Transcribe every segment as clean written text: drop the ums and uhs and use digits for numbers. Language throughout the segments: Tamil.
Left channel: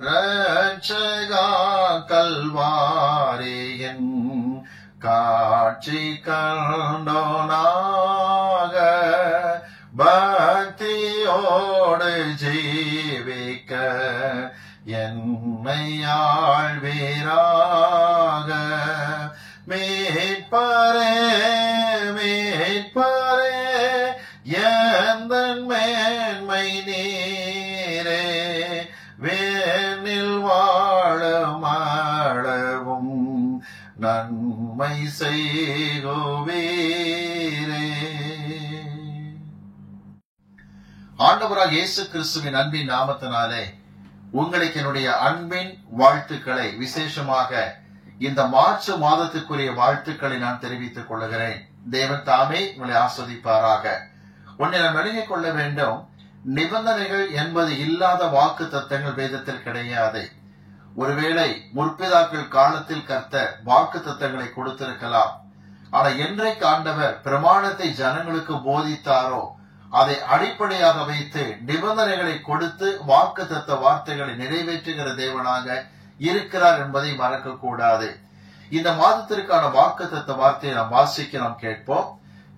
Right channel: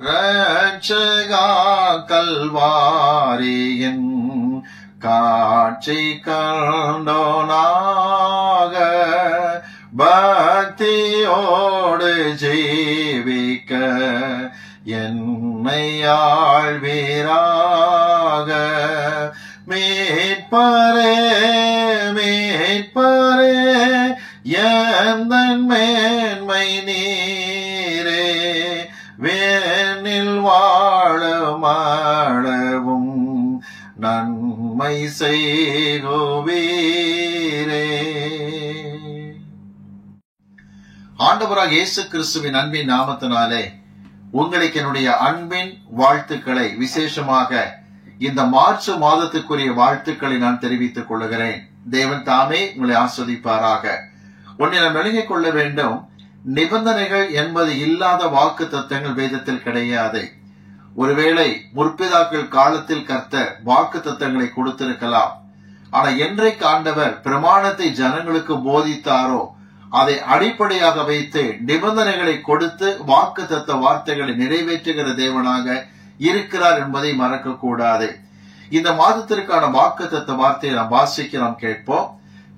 ரட்சகா கல்வாரியின் காட்சி கண்டோனாக பக்தியோடு ஜீவிக்க என்னை ஆழ்வீராக. மீட்பரே மீட்பரே எந்தன் மேன்மை நீரே, வேனில் வாழமாடவும் நன்மை செய்குவீரே. ஆண்டவராக இயேசு கிறிஸ்துவின் அன்பின் நாமத்தினாலே உங்களுக்கு என்னுடைய அன்பின் வாழ்த்துக்களை, விசேஷமாக இந்த மார்ச் மாதத்துக்குரிய வாழ்த்துக்களை நான் தெரிவித்துக் கொள்கிறேன். தேவன் தாமே உங்களை ஆஸ்வதிப்பாராக. ஒன்றை நாம் விளங்கிக் கொள்ள வேண்டும், நிபந்தனைகள் என்பது இல்லாத வாக்கு தத்தங்கள் வேதத்தில் கிடையாது. ஒருவேளை முற்பிதாக்கள் காலத்தில் கர்த்தர் வாக்கு தத்தங்களை கொடுத்திருக்கலாம். ஆனா என்றைக்கு ஆண்டவர் பிரமாணத்தை ஜனங்களுக்கு போதித்தாரோ அதை அடிப்படையாக வைத்து நிபந்தனைகளை கொடுத்து வாக்கு தத்த வார்த்தைகளை நிறைவேற்றுகிற தேவனாக இருக்கிறார் என்பதை மறக்க கூடாது. இந்த மாதத்திற்கான வாக்கு தத்த வார்த்தையை நாம் வாசிக்க நாம் கேட்போம்.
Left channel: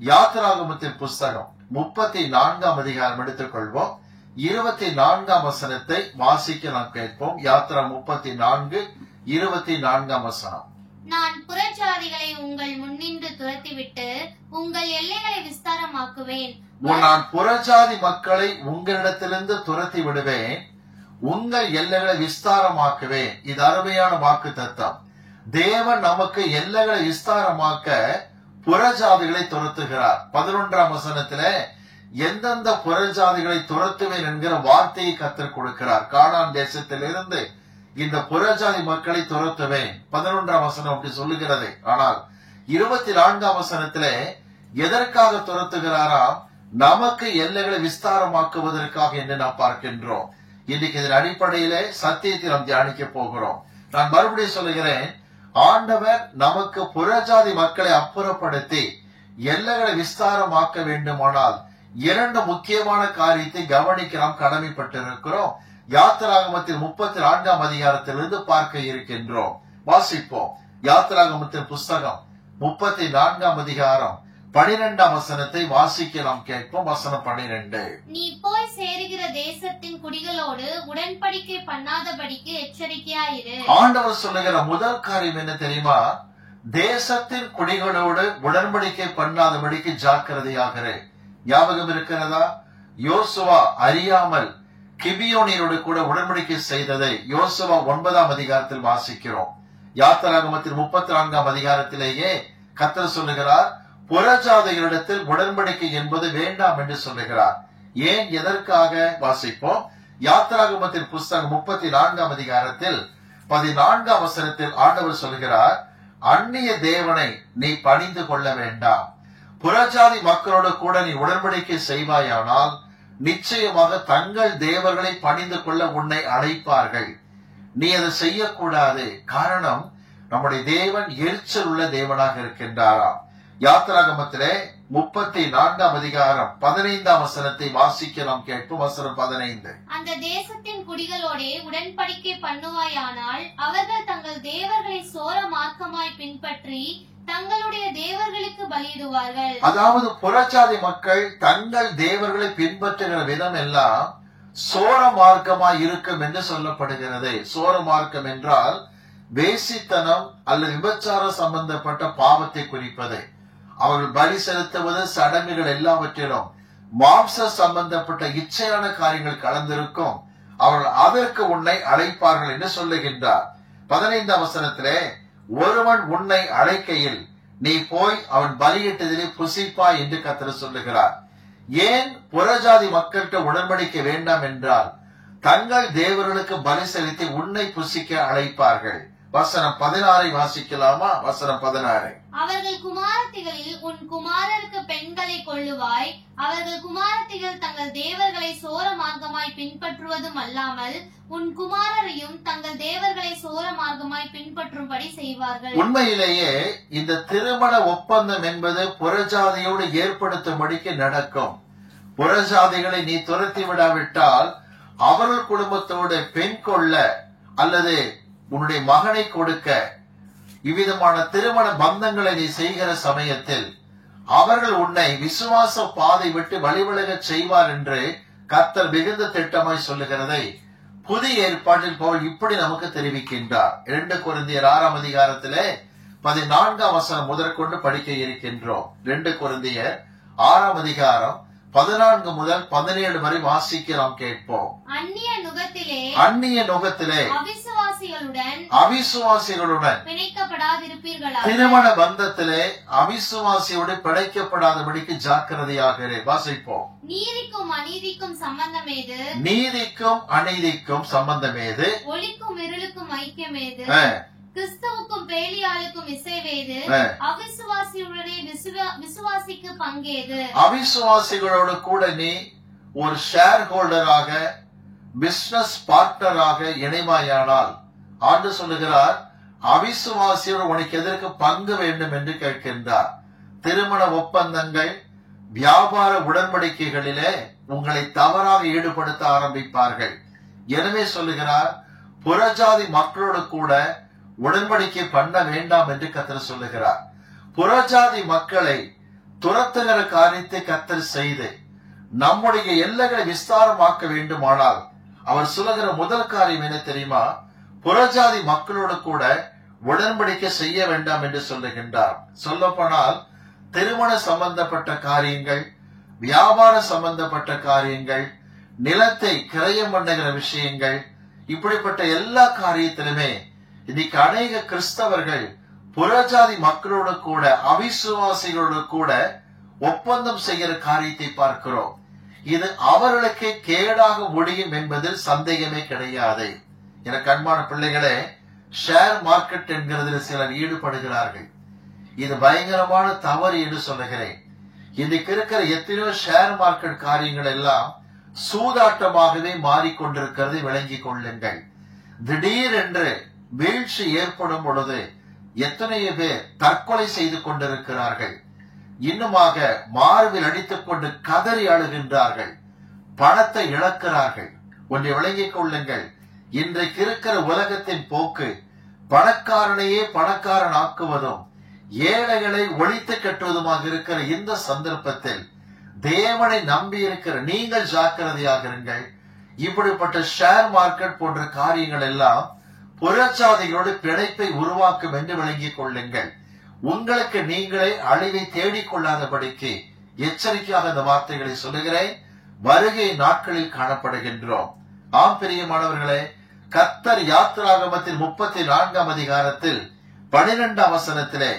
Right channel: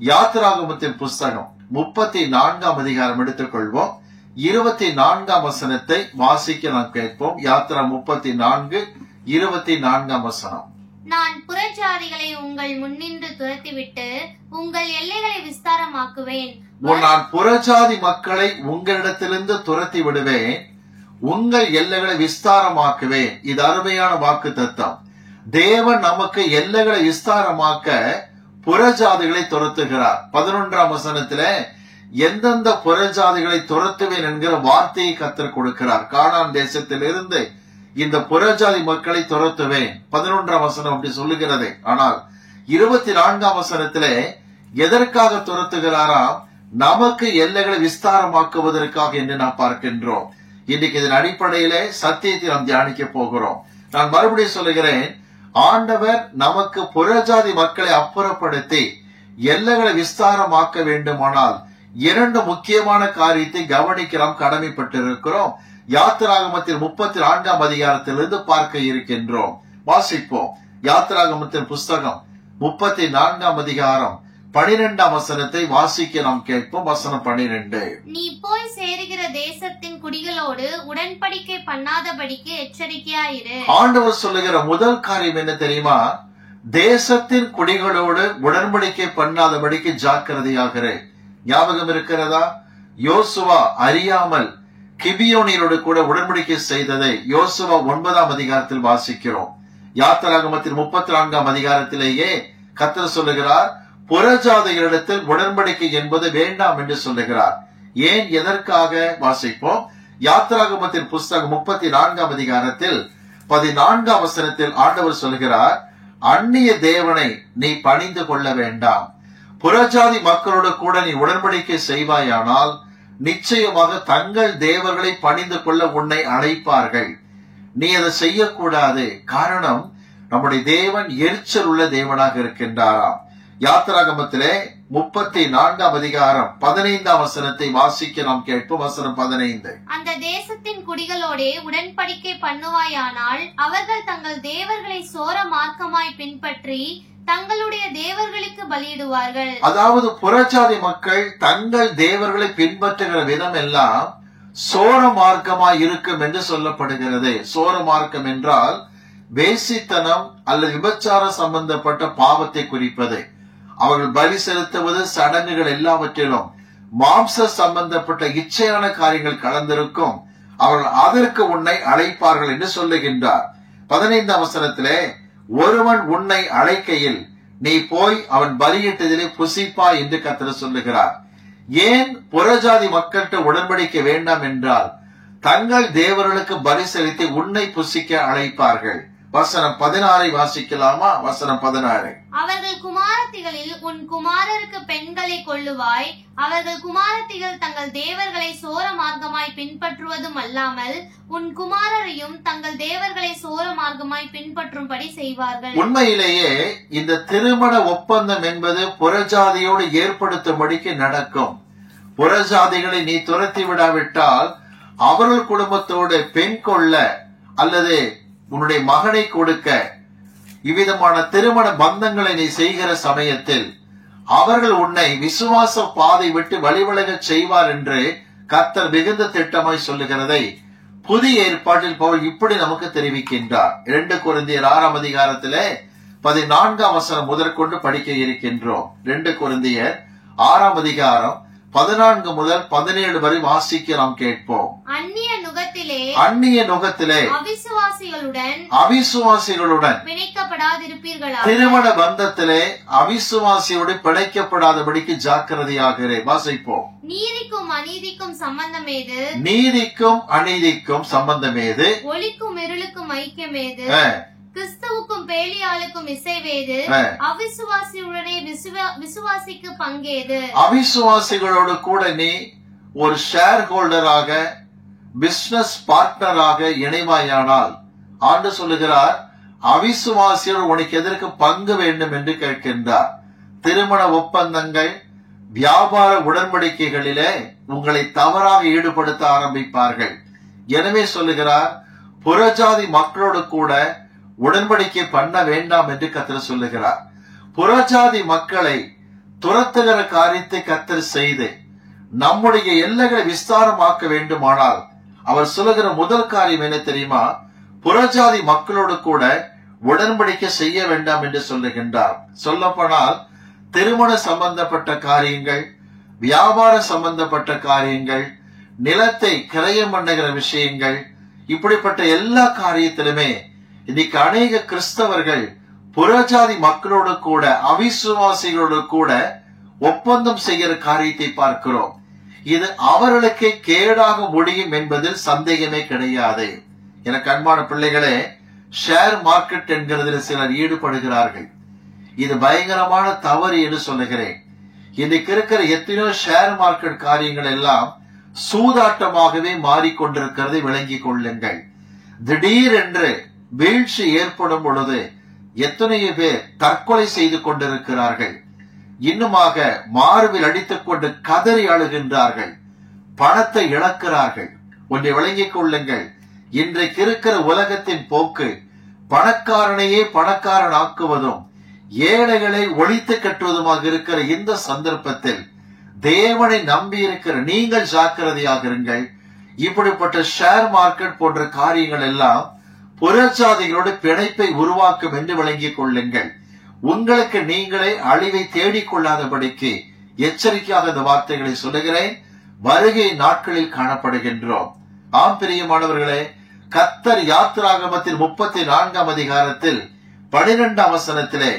யாத்திராகமத்தின் புஸ்தகம் 34ஆம் அதிகாரம் எடுத்துக்கொள்வோம். 24ஆம் வசனத்தை வாசிக்க நாம் கேட்போம். யாத்திரா 34:24ஆம் வசனம். நான் புறஜாதிகளை உங்கள் முன்னின்று துரத்திவிட்டு உங்கள் எல்லைகளை விஸ்தாரமாக்குவேன். நான் புறஜாதி மக்களை உங்களிடத்திலிருந்து துரத்தி விடுவேன், உங்கள் எல்லைகளை விஸ்தாரமாக்குவேன். இது அருமையான வாக்கு தத்தம். தேவன் நமக்கு எல்லைகளை விஸ்தாரமாக்க புறஜாதிகளை துரத்துகிறார். 11ஆம் வசனத்துல எந்தெந்த புறஜாதிகளை துரத்துவேன் என்கிற வார்த்தையை கர்த்தர் கொடுக்கிறார். கானான் தேசத்திலிருந்து இந்த புறஜாதி மக்களை துரத்துவேன். 11ஆம் வசனம் அப்படி சொல்லுகிறது. ஆனால் 24ஆம் வசனத்திலே எதற்காக துரத்துகிறாராம்? நமக்கு எல்லைகளை விஸ்தாரமாக்குவதற்காக என்று நாம் பார்க்கின்றோம். இன்னைக்கு இதன் அடிப்படையிலே சத்தியத்தை நாம் தியானிக்க போகிறோம். நான் மறுபடியும் சொல்லுகிறேன், ஆண்டவர் நமக்கு புறஜாதி மக்களை அப்புறப்படுத்தி எல்லைகளை விஸ்தாரமாக்க வேண்டுமானால் இரண்டு முக்கியமான காரியத்தை கவனிக்க நாம் கடமைப்பட்டிருக்கிறோம். யாத்திராகமத்தின் 34ஆம் அதிகாரத்திலிருந்து பார்க்க இருக்கின்றோம். வாசிப்போம். யாத்திராகமத்தின் புஸ்தகம் 34ஆம் அதிகாரம் 12ஆம் வசனத்தை வாசிக்க நாம் கேட்போம். வசனம் 12. நீ போய் சேருகிற தேசத்தின் குடிகளோடு உடன்படிக்கை பண்ணாதபடிக்கு எச்சரிக்கையாயிரு. ஆண்டவர் சொல்லுகிற முதல் காரியம் என்ன தெரியுமா? தேசத்தின் குடிகளோடு உடன்படிக்கை பண்ணாதபடிக்கு ஜாக்கிரதையாகிற. ஞாபகம் இருக்கிறதா? யோசுவா அறியாமல் கிபியோனியரோடு கூட உடன்படிக்கை செய்ததை யோசுவா 9ஆம் அதிகாரத்தில் வாசிக்கிறோம். யாத்திராகமத்தின் 34ஆம் அதிகாரத்திலேயே கர்த்தர் சொல்லுகிறார், புறஜாதிகளிடத்தில் உடன்படிக்கை என்பது வேண்டாம் என்று சொல்லுகிறார். ஏன், எதற்காக? வாசிப்போம். யாத்திராகமத்தின் புஸ்தகம் 34ஆம் அதிகாரத்தில் 14ஆம் வசனத்தில் ஆண்டவர் சொல்கிறார், அந்நிய தேவனை நீ பணிந்து கொள்ள வேண்டாம். புறஜாதி மக்களோடு கூட நீ உடன்படிக்கை செய்வாயானால் நிச்சயமாக தங்கள் தேவர்களை பணிந்து கொள்ள உன்னை அழைப்பார்கள். நீ அதை செய்யக்கூடாது. காரணம், நம்முடைய தேவன் எரிச்சல் உள்ள தேவனாக இருக்கின்றாராம். யாத்திராகமத்திலே 34ஆம் அதிகாரம் 15ஆம் வசனத்தை வாசிக்க நாம் கேட்போம். வசனம் 15. அந்த தேசத்தின் குடிகளோடே உடன்படிக்கை பண்ணுவாயானால் அவர்கள் தங்கள் தேவர்களை சோர மார்க்கமாய் பின்பற்றி தங்களுடைய தேவர்களுக்கு பலியிடுவார்கள். அதாவது புறஜாதி மக்கள் தங்கள் தேவர்களை பின்பற்றுகிற விதம் எல்லாம் சோர மார்க்கமாய் இருக்கும் என்று சொல்லப்படுகிறது. சோர மார்க்கம் என்றால் வேசித்தனம் அல்லது விபச்சாரம் சம்பந்தப்பட்ட பாவத்தை குறிப்பது. அவர்கள் பலி செலுத்துவது, சடங்குகள் எல்லாவற்றிலும் மாம்ச சம்பந்தப்பட்ட இச்சையான காரியங்கள் கலந்திருக்கும். அவர்கள் அதற்கு உன்னை அழைப்பார்கள் என்று சொல்லுகின்றார். 15ஆம் வசனத்திலே, ஒருவன் உன்னை அழைக்கையில் நீ போய் அவன் பலியிட்டதிலே புசிப்பாய் என்று கர்த்தர் சொல்லுகிறார். ஏன் புறஜாதி மக்கள்கிட்ட உடன்படிக்கை வேண்டாம் என்றால் தங்கள் தேவர்களுக்கு பலி செலுத்தி உன்னை புசிக்க அழைப்பார்கள். வசனம் 16 வாசிக்கலாமா? வசனம் 16. அவர்கள் குமாரத்திகளில் உன் குமாரருக்கு பெண்களை கொள்ளுவாய். அவர்கள் குமாரத்திகள் தங்கள் தேவர்களை சோர மார்க்கமாய் பின்பற்றுவதும் அல்லாமல் உன் குமாரரையும் தங்கள் தேவர்களை சோர மார்க்கமாய் பின்பற்றும்படி செய்வார்கள். உண்மையிலேயே இந்த திருமண ஒப்பந்தம் என்பது புறஜாதியோடு ஏற்படுத்தும்படிக்கு நடக்கும். புறஜாதிகளை நீ துரத்தி விடாவிட்டால் அவர்கள் குடும்பத்தோடு பெண் கொள்ள அல்லது உன்னுடைய மகனை கொடுக்க இவ்விதமான திருமண பந்தங்களை நீ செய்கிற சமயத்தில் அவர்கள் உன்னை விசுவாச பாதை விட்டு வழிவிலக செய்வார் என்று கர்த்தர் மிகுந்த திட்டமாய் சொல்லுகிறதை புதிய ஏற்பாட்டில் பவுல் இப்படி நமக்கு தெரிவிக்கின்றார். 2 கொரிந்தியர் 6ஆம் அதிகாரத்திலே 14ஆம் வசனம் முதற்கொண்டு படிக்க இருக்கின்றோம். 2 கொரிந்தியர் 6ஆம் அதிகாரம் 14 முதல் 17 வரை வாசிக்க நாம் கேட்போம். அந்நிய நுகத்திலே அவிசுவாசிகளுடன் பிணைக்கப்படாதிருப்பீர்களாக. திருமண பந்தத்திலே அவிசுவாசியோடு பிணைக்கப்படாதபடிக்கு ஜாக்கிரதையாக வாசிப்போம். நீதிக்கும் அநீதிக்கும் சம்பந்தமேது, நீதிக்கும் அநீதிக்கும் சம்பந்தமேது, ஒளிக்கும் இருளுக்கும் ஐக்கியமேது, கிறிஸ்துவுக்கும் பேலியாளுக்கும் இசைவேது, அவிசுவாசியுடனே விசுவாசிக்கு பங்கேது. அவிசுவாசிகளோடு கூட நீ ஒரு ஷேர் ஹோல்டராக, பிசினஸ் பார்ட்னராக இணைவாயானால் ஆண்டு சொல்லுகிறார், அவிசுவாசியோடு உனக்கு எதற்கு பங்கு வேண்டும் என்று கேட்கின்றார். திருமண ஒப்பந்தங்கள், வியாபார உடன்படிக்கைகளிலே உங்களை தவறாக ஈடுபடுத்த ஆரம்பிப்பார்கள். எனவே சொல்லுகிறார், புறஜாதி மக்களோடு கூட உடன்படிக்கை பண்ண வேண்டாம் என்று கர்த்தர் சொல்லுகிறார். புறஜாதி மக்களை துரத்துகிற காரியத்தை கர்த்தர் செய்து நம்முடைய எல்லைகளை விஸ்தாரமாக்க வேண்டுமானால் அவர் சொல்லுகிற முதல் காரியம் என்ன தெரியுமா? புறஜாதி மக்களோடு கூட உடன்படிக்கை செய்ய வேண்டாம் என்று சொல்லுகின்றார். சொல்லப்போனால் திருமண சம்பந்தப்பட்ட காரியங்கள், வியாபார சம்பந்தப்பட்ட காரியங்கள், நிலத்தை கிரயம் பண்ணுகிற விஷயங்கள், இப்படிப்பட்ட எல்லா காரியத்திலுமே இன்னைக்கு அநேக கிறிஸ்தவர்கள் புறஜாதி மக்களோடு கூட அவிசுவாசிகளோடு கூட ஒப்பந்தம் செய்கிற காரியத்தை பார்க்கிறோம். இது அவர்களுக்கு கேடாக முடியும் என்பதில் சந்தேகமே கிடையாது. எனக்கு அன்பான பிள்ளைகளே, ஷேர் மார்க்கெட் என்கிறதில் சிலர் ஈடுபடுகிறார்கள். இது பயங்கரமான தவறு என்று சொல்லுகிறேன். இன்னைக்கு இருக்கிற எத்தனையோ ஷேர் மார்க்கெட் காரியங்கள் எல்லாம் சூதாட்டமாகவே மாறிக்கொண்டிருக்கிறதை விளங்கிக் கொள்ளுங்கள். திடீரென்று வீழ்ச்சி ஏற்படும் பொழுது எத்தனையோ பேர் தற்கொலை செய்து கொண்டிருக்கிறார்கள். இன்னுமாக மார்பில் அடித்துக் கொண்டு கதறி அழுகின்றார்கள், பணத்தை இழக்கிறார்கள். ஒன்றை விளங்கிக் கொள்ளுங்கள், இன்றைக்கு இருக்கிற உலகத்தின் போக்கு பணக்காரனையே பணக்காரன் ஆக்குவதும் ஏழைகளை ஒழித்து கட்டுவதுமாக இருக்கிற இந்த சந்தர்ப்பத்தில் தேவனை நம்பி இருக்கிற நீங்கள் ஜாக்கிரதையாக இருங்கள். இப்படிப்பட்ட ஷேர் மார்க்கெட் போன்ற காரியங்கள் எல்லாம் புறஜாதிகளோடு பிணைப்பை உருவாக்கும் என்று விளங்கிக் கொள்ளுங்கள். உங்களுக்கு நீங்களே அழிவை தேடிக்கொள்ளாதபடிக்கு எச்சரிக்கையாக இந்த வார்த்தைகளை சொல்லுகிறேன். வருகை நாட்களில் காணப்படுகின்றோம். ஆம் பிரியமானவர்களே, கர்த்தர் யாத்திராகமத்தின் 34ஆம் அதிகாரத்தில் 12ஆம் வசனத்திலே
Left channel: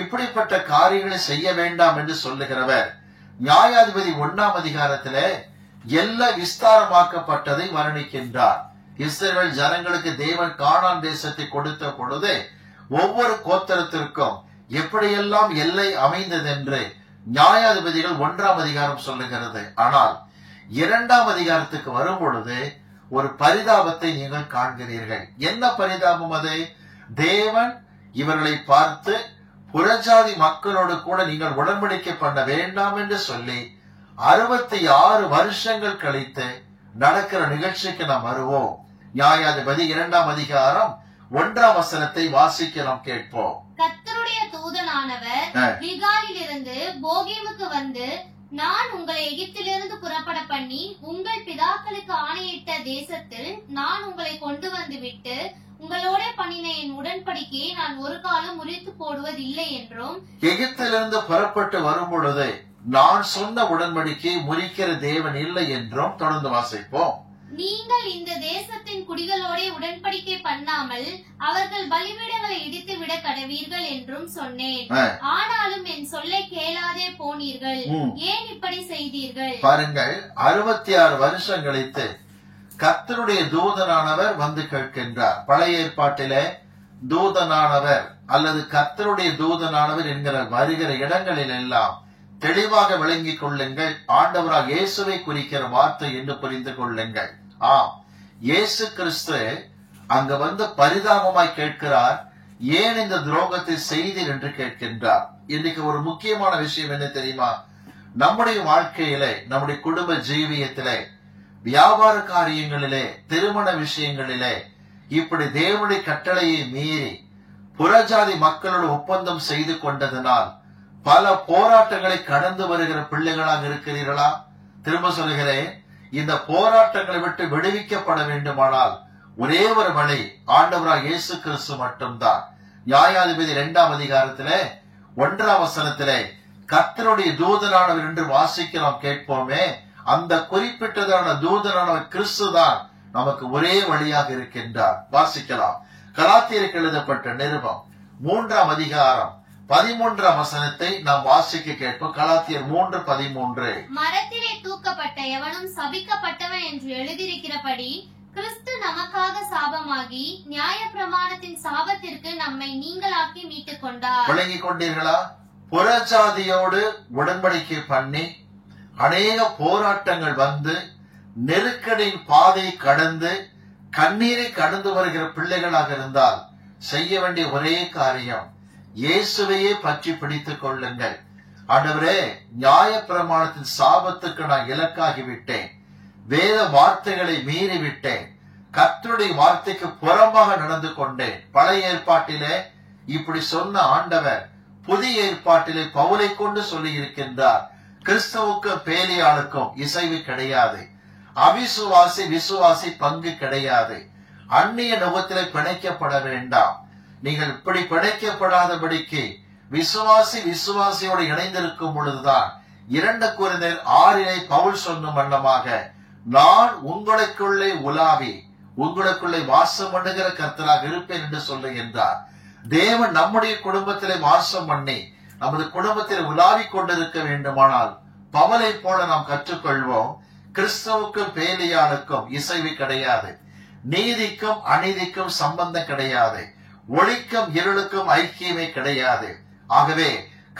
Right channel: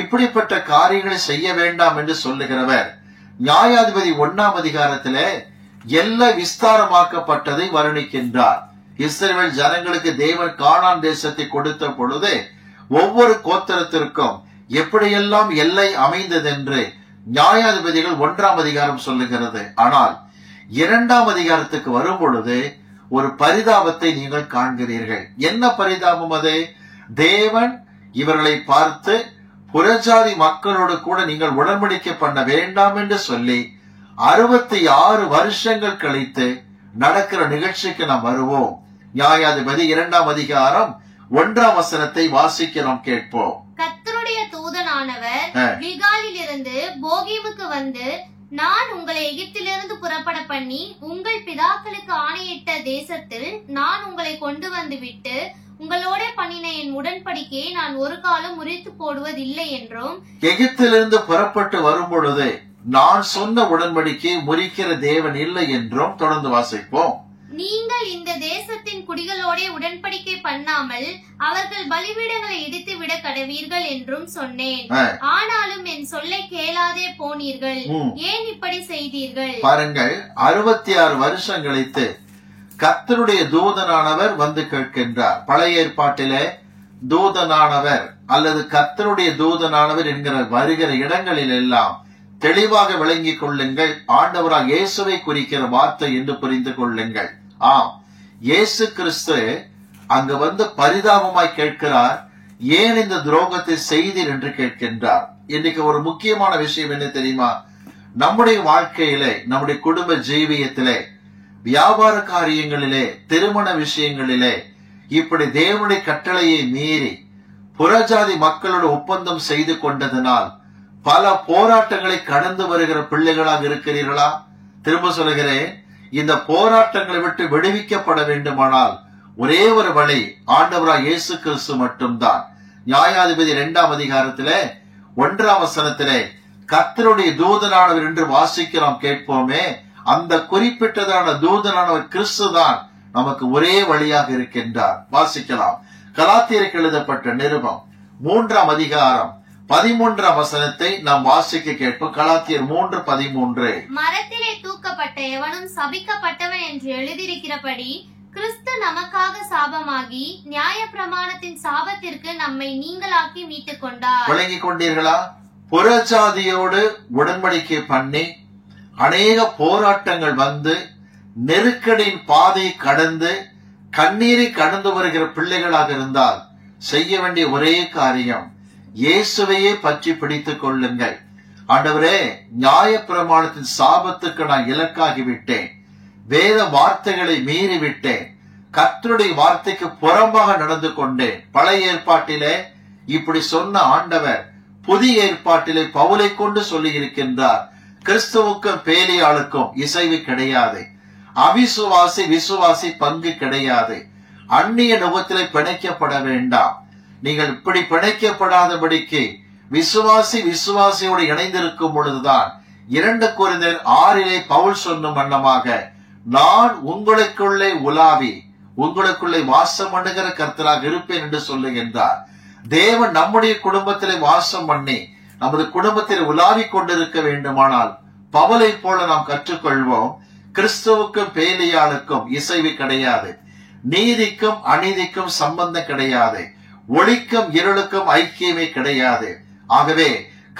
இப்படிப்பட்ட காரியங்களை செய்ய வேண்டாம் என்று சொல்லுகிறவர் நியாயாதிபதி 1ஆம் அதிகாரத்திலே எல்லை விஸ்தாரமாக்கப்பட்டதை வர்ணிக்கின்றார். இஸ்ரவேல் ஜனங்களுக்கு தேவன் கானான் தேசத்தை கொடுத்த பொழுது ஒவ்வொரு கோத்திரத்திற்கும் எப்படியெல்லாம் எல்லை அமைந்ததென்று நியாயாதிபதிகள் 1ஆம் அதிகாரம் சொல்லுகிறது. ஆனால் 2ஆம் அதிகாரத்துக்கு வரும் பொழுது ஒரு பரிதாபத்தை நீங்கள் காண்கிறீர்கள். என்ன பரிதாபம் அது? தேவன் இவர்களை பார்த்து புறஜாதி மக்களோடு கூட நீங்கள் உடன்படிக்கை பண்ண வேண்டாம் என்று சொல்லி 66 வருஷங்கள் கழித்து நடக்கிற நிகழ்ச்சிக்கு நாம் வருவோம். நியாயாதிபதி 2ஆம் அதிகாரம் 1ஆம் வசனத்தை வாசிக்க நாம் கேட்போம். கர்த்தருடைய தூதனானவர் கில்காலிலிருந்து போகீமுக்கு வந்து, நான் உங்களை எகிப்திலிருந்து புறப்பட பண்ணி உங்கள் பிதாக்களுக்கு ஆணையிட்ட தேசத்தில் நான் உங்களை கொண்டு வந்து விட்டு உங்களோட பண்ணின என் உடன்படிக்கையை நான் ஒரு காலம் முறித்து போடுவதில்லை என்றும், எகிப்திலிருந்து புறப்பட்டு வரும் பொழுது நான் சொன்ன உடன்படிக்கையை முறிக்கிற தேவன் இல்லை என்றும் தொடர்ந்து வாசிப்போம். நீங்கள் இந்த தேசத்தின் குடிகளோட உடன்படிக்கை பண்ணாமல் அவர்கள் பலிபீடங்களை இடித்து விட கடவீர்கள் என்றும் சொன்னேன். ஆனாலும் என் சொல்லை கேளாதே போனீர்கள். ஏன் இப்படி செய்தீர்கள்? பாருங்கள், 66 வருஷம் கழித்து கர்த்தருடைய தூதனானவர் வந்து கேட்கின்றார். பழைய ஏற்பாட்டிலே தூதனானவர் அல்லது கர்த்தருடைய தூதனானவர் என்கிற வருகிற இடங்களில் எல்லாம் தெளிவாக விளங்கிக் கொள்ளுங்கள். ஆண்டவராக இயேசுவை குறிக்கிற வார்த்தை என்று புரிந்து கொள்ளுங்கள். ஆம், இயேசு கிறிஸ்து அங்க வந்து பரிதாபமாய் கேட்கிறார், ஏன் இந்த துரோகத்தை செய்தீர் என்று கேட்கின்றார். இன்னைக்கு ஒரு முக்கியமான விஷயம் என்ன தெரியுமா? நம்முடைய வாழ்க்கையிலே, நம்முடைய குடும்ப ஜீவியத்திலே, வியாபார காரியங்களிலே, திருமண விஷயங்களிலே இப்படி தேவனுடைய கட்டளையை மீறி புறஜாதி மக்களோடு ஒப்பந்தம் செய்து கொண்டதனால் பல போராட்டங்களை கடந்து வருகிற பிள்ளைகளாக இருக்கிறீர்களா? திரும்ப சொல்கிறேன், இந்த போராட்டங்களை விட்டு விடுவிக்கப்பட வேண்டுமானால் ஒரே ஒரு வழி ஆண்டவராய் இயேசு கிறிஸ்து மட்டும்தான். நியாயாதிபதி 2ஆம் அதிகாரத்திலே 1ஆம் வசனத்திலே கர்த்தருடைய தூதனானவர் என்று வாசிக்க நாம் கேட்போமே, அந்த குறிப்பிட்டதான தூதனானவர் கிறிஸ்து தான் நமக்கு ஒரே வழியாக இருக்கின்றார். வாசிக்கலாம். கலாத்தியருக்கு எழுதப்பட்ட நிருபம் 3ஆம் அதிகாரம் 13ஆம் வசனத்தை நாம் வாசிக்க கேட்போம். கலாத்தியர் 3:13. மரத்திலே தூக்கப்பட்ட எவனும் சபிக்கப்பட்டவன் என்று எழுதியிருக்கிறபடி கிறிஸ்து நமக்காக சாபமாகி நியாயப்பிரமாணத்தின் சாபத்திற்கு நம்மை நீங்களாக்கி மீட்டுக் கொண்டார். விளங்கிக் கொண்டீர்களா? புறஜாதியோடு உடன்படிக்கை பண்ணி அநேக போராட்டங்கள் வந்து நெருக்கடியின் பாதை கடந்து கண்ணீரை கடந்து வருகிற பிள்ளைகளாக இருந்தால் செய்ய வேண்டிய ஒரே காரியம் இயேசுவையே பற்றி பிடித்துக் கொள்ளுங்கள். ஆண்டவரே, நியாயப்பிரமாணத்தின் சாபத்துக்கு நான் இலக்காகிவிட்டேன், வேத வார்த்தைகளை மீறிவிட்டேன், கர்த்தருடைய வார்த்தைக்கு புறம்பாக நடந்து கொண்டேன். பழைய ஏற்பாட்டிலே இப்படி சொன்ன ஆண்டவர் புதிய ஏற்பாட்டிலே பவுலை கொண்டு சொல்லி இருக்கின்றார், கிறிஸ்துவுக்கும் பேலியாளுக்கும் இசைவு கிடையாது, அவிசுவாசி விசுவாசி பங்கு கிடையாது, அந்நிய நுகத்திலே பிணைக்கப்பட வேண்டாம். நீங்கள் இப்படி பிணைக்கப்படாதபடிக்கு விசுவாசி விசுவாசியோடு இணைந்திருக்கும் பொழுதுதான் 2 கொரிந்தியர் 6 பவுல் சொன்ன வண்ணமாக நான் உங்களுக்குள்ளே உலாவி உங்களுக்குள்ளே வாசம் பண்ணுகிற கர்த்தராக இருப்பேன் என்று சொல்லுகின்றார். தேவன் நம்முடைய குடும்பத்திலே வாசம் பண்ணி நமது குடும்பத்தில் உலாவிக் கொண்டிருக்க வேண்டுமானால் பவுலை போல நாம் கற்றுக்கொள்வோம். கிறிஸ்துவுக்கும் பேலியாளுக்கும் இசைவு கிடையாது, நீதிக்கும் அநீதிக்கும் சம்பந்தம் கிடையாது, ஒளிக்கும் இருளுக்கும் ஐக்கியமே கிடையாது. ஆகவே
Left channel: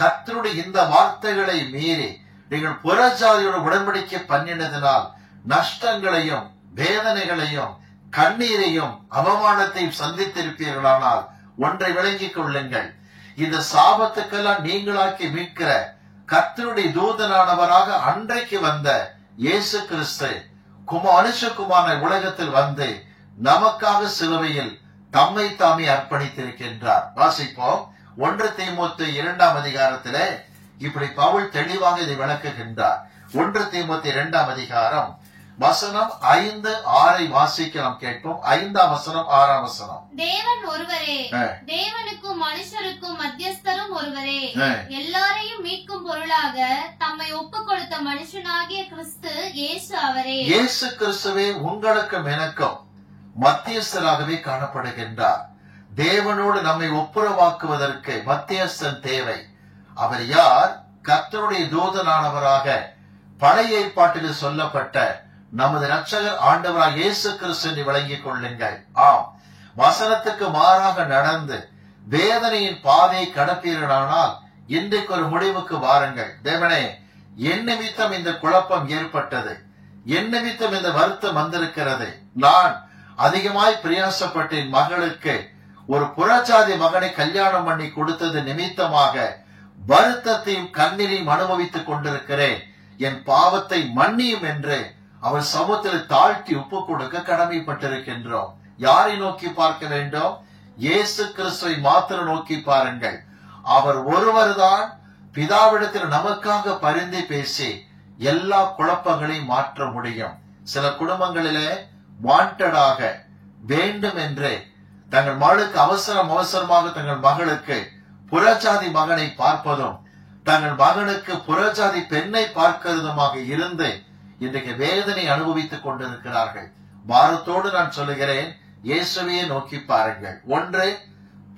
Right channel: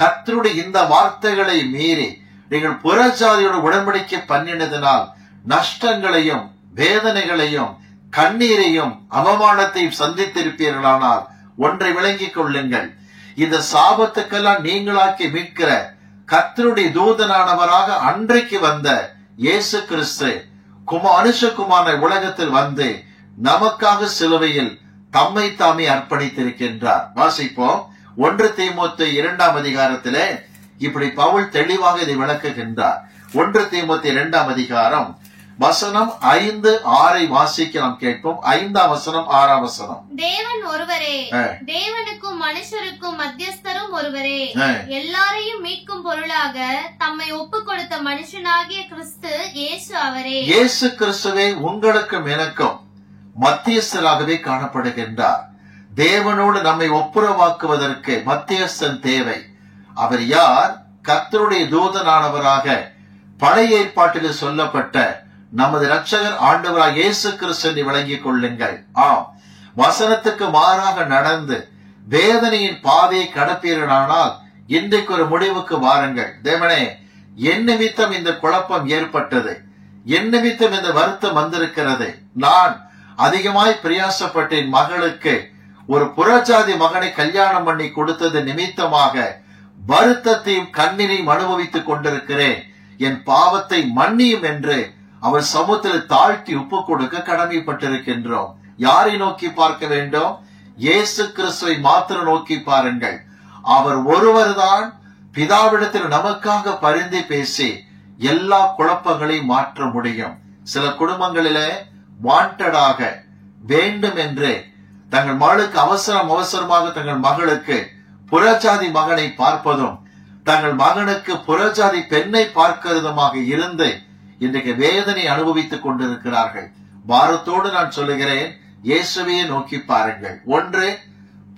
கர்த்தருடைய இந்த வார்த்தைகளை மீறி நீங்கள் புறஜாதியோடு உடன்படிக்கை பண்ணினதனால் நஷ்டங்களையும் வேதனைகளையும் கண்ணீரையும் அவமானத்தையும் சந்தித்திருப்பீர்களானால் ஒன்றை விளங்கிக் கொள்ளுங்கள், இந்த சாபத்துக்கெல்லாம் நீங்களாக்கி மீட்கிற கர்த்தருடைய தூதனானவராக அன்றைக்கு வந்த இயேசு கிறிஸ்து மனுஷகுமாரனை உலகத்தில் வந்து நமக்காக சிலுவையில் தம்மை தாமே அர்ப்பணித்திருக்கின்றார். வாசிப்போம். 1 தீமோத்தேயு 2ஆம் அதிகாரத்திலே இப்படி பவுல் தெளிவாக இதை விளக்குகின்றார். 1 தீமோத்தேயு 2ஆம் அதிகாரம் வசனம் 5, 6 வாசிக்க நாம் கேட்போம். 5ஆம் வசனம் 6ஆம் வசனம். தேவன் ஒருவரே, தேவனுக்கும் மனுஷருக்கும் மத்தியஸ்தரும் ஒருவரே, எல்லாரையும் மீட்கும் பொருளாக தம்மை ஒப்புக் கொடுத்த மனுஷனாகிய கிறிஸ்து இயேசு அவரே. இயேசு கிறிஸ்துவே உங்களுக்கும் எனக்கும் மத்தியஸ்தராகவே காணப்படுகின்றார். தேவனோடு நம்மை ஒப்புரவாக்குவதற்கு மத்தியஸ்தன் தேவை. அவர் யார்? கர்த்தருடைய தூதனானவராக பழைய ஏற்பாட்டில் சொல்லப்பட்ட நமது இரட்சகர் ஆண்டவராக இயேசு கிறிஸ்து விளங்கிக் கொள்ளுங்கள். ஆம், வசனத்துக்கு மாறாக நடந்து வேதனையின் பாதையை கடப்பீர்களானால் இன்றைக்கு ஒரு முடிவுக்கு வாருங்கள். தேவனே, என் நிமித்தம் இந்த குழப்பம் ஏற்பட்டது, என் நிமித்தம் இந்த வருத்தம் வந்திருக்கிறது, நான் அதிகமாய் பிரயாசப்பட்டேன், மகளுக்கு ஒரு புறஜாதி மகனை கல்யாணம் பண்ணி கொடுத்தது நிமித்தமாக வருத்தத்தையும் கண்ணீரையும் அனுபவித்துக் கொண்டிருக்கிறேன், என் பாவத்தை மன்னியும் என்று அவர் சமூகத்தில் தாழ்த்தி ஒப்பு கொடுக்க கடமைப்பட்டிருக்கின்றோம். யாரை நோக்கி பார்க்க வேண்டும்? இயேசு கிறிஸ்துவை மாத்திரம் நோக்கி பாருங்கள். அவர் ஒருவர்தான் பிதாவிடத்தில் நமக்காக பரிந்து பேசி எல்லா குழப்பங்களையும் மாற்ற முடியும். சில குடும்பங்களிலே வாண்டடாக வேண்டும் என்று தங்கள் மகளுக்கு அவசரமாக தங்கள் மகளுக்கு புறஜாதி மகனை பார்ப்பதும் தங்கள் மகனுக்கு புறஜாதி பெண்ணை பார்க்கிறதுமாக இருந்து இன்றைக்கு வேதனை அனுபவித்துக் கொண்டிருக்கிறார்கள். பாரத்தோடு நான் சொல்லுகிறேன், இயேசுவையே நோக்கி பாருங்கள். ஒன்று,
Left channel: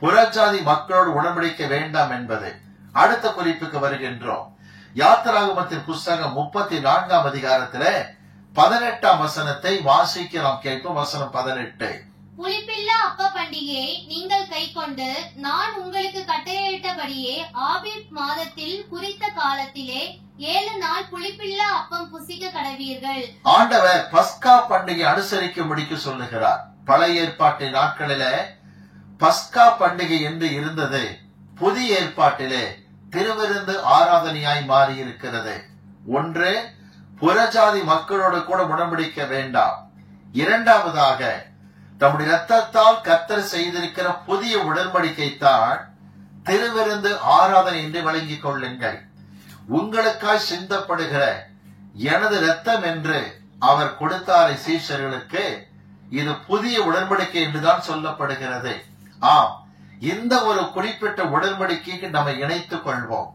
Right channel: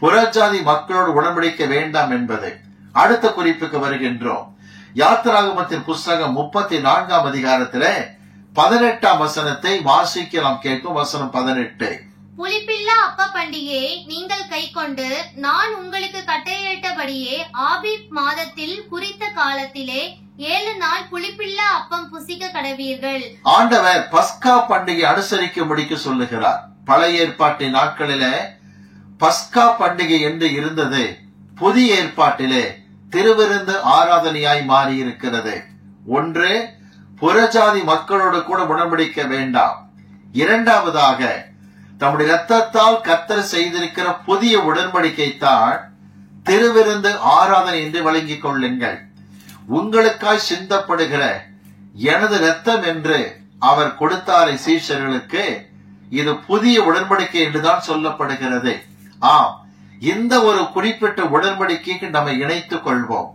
புறஜாதி மக்களோடு உடன்படிக்க வேண்டாம் என்பது. அடுத்த குறிப்புக்கு வருகின்றோம். யாத்திராகமத்தின் புஸ்தகம் 34ஆம் அதிகாரத்திலே 18ஆம் வசனத்தை வாசிக்க நாம் கேட்கும். வசனம் 18. புளிப்பில்லா அப்ப பண்டிகையை நீங்கள் கைக்கொண்டு நான் உங்களுக்கு கட்டளையிட்டபடியே ஆபீப் மாதத்தில் குறித்த காலத்திலே 7 நாள் புளிப்பில்லா அப்பம் புசிக்க கடவீர்கள். ஆண்டவர் பஸ்கா பண்டிகை அனுசரிக்கும்படிக்கு சொல்லுகிறார். பழைய ஏற்பாட்டின் நாட்களிலே பஸ்கா பண்டிகை என்று இருந்தது, புதிய ஏற்பாட்டிலே திருவிருந்து ஆராதனையாய் மாறி இருக்கிறது. ஒன்று, புறஜாதி மக்களோடு கூட உடன்படிக்க வேண்டாம். இரண்டாவதாக தம்முடைய இரத்தத்தால் கர்த்தர் செய்திருக்கிற புதிய உடன்படிக்கை தான் திருவிருந்து ஆராதனை என்று விளங்கிக் கொள்ளுங்கள். உங்களுக்காய் சிந்தப்படுகிற எனது இரத்தம் என்று அவர் கொடுத்தாரை சீஷர்களுக்கு, இது புதிய உடன்படிக்கை என்றுதான் சொல்லப்படுகிறது. ஆம், இந்த ஒரு குறிப்பிட்ட உடன்படிக்கைக்கு நம்ம இணைத்துக் கொள்வோம்.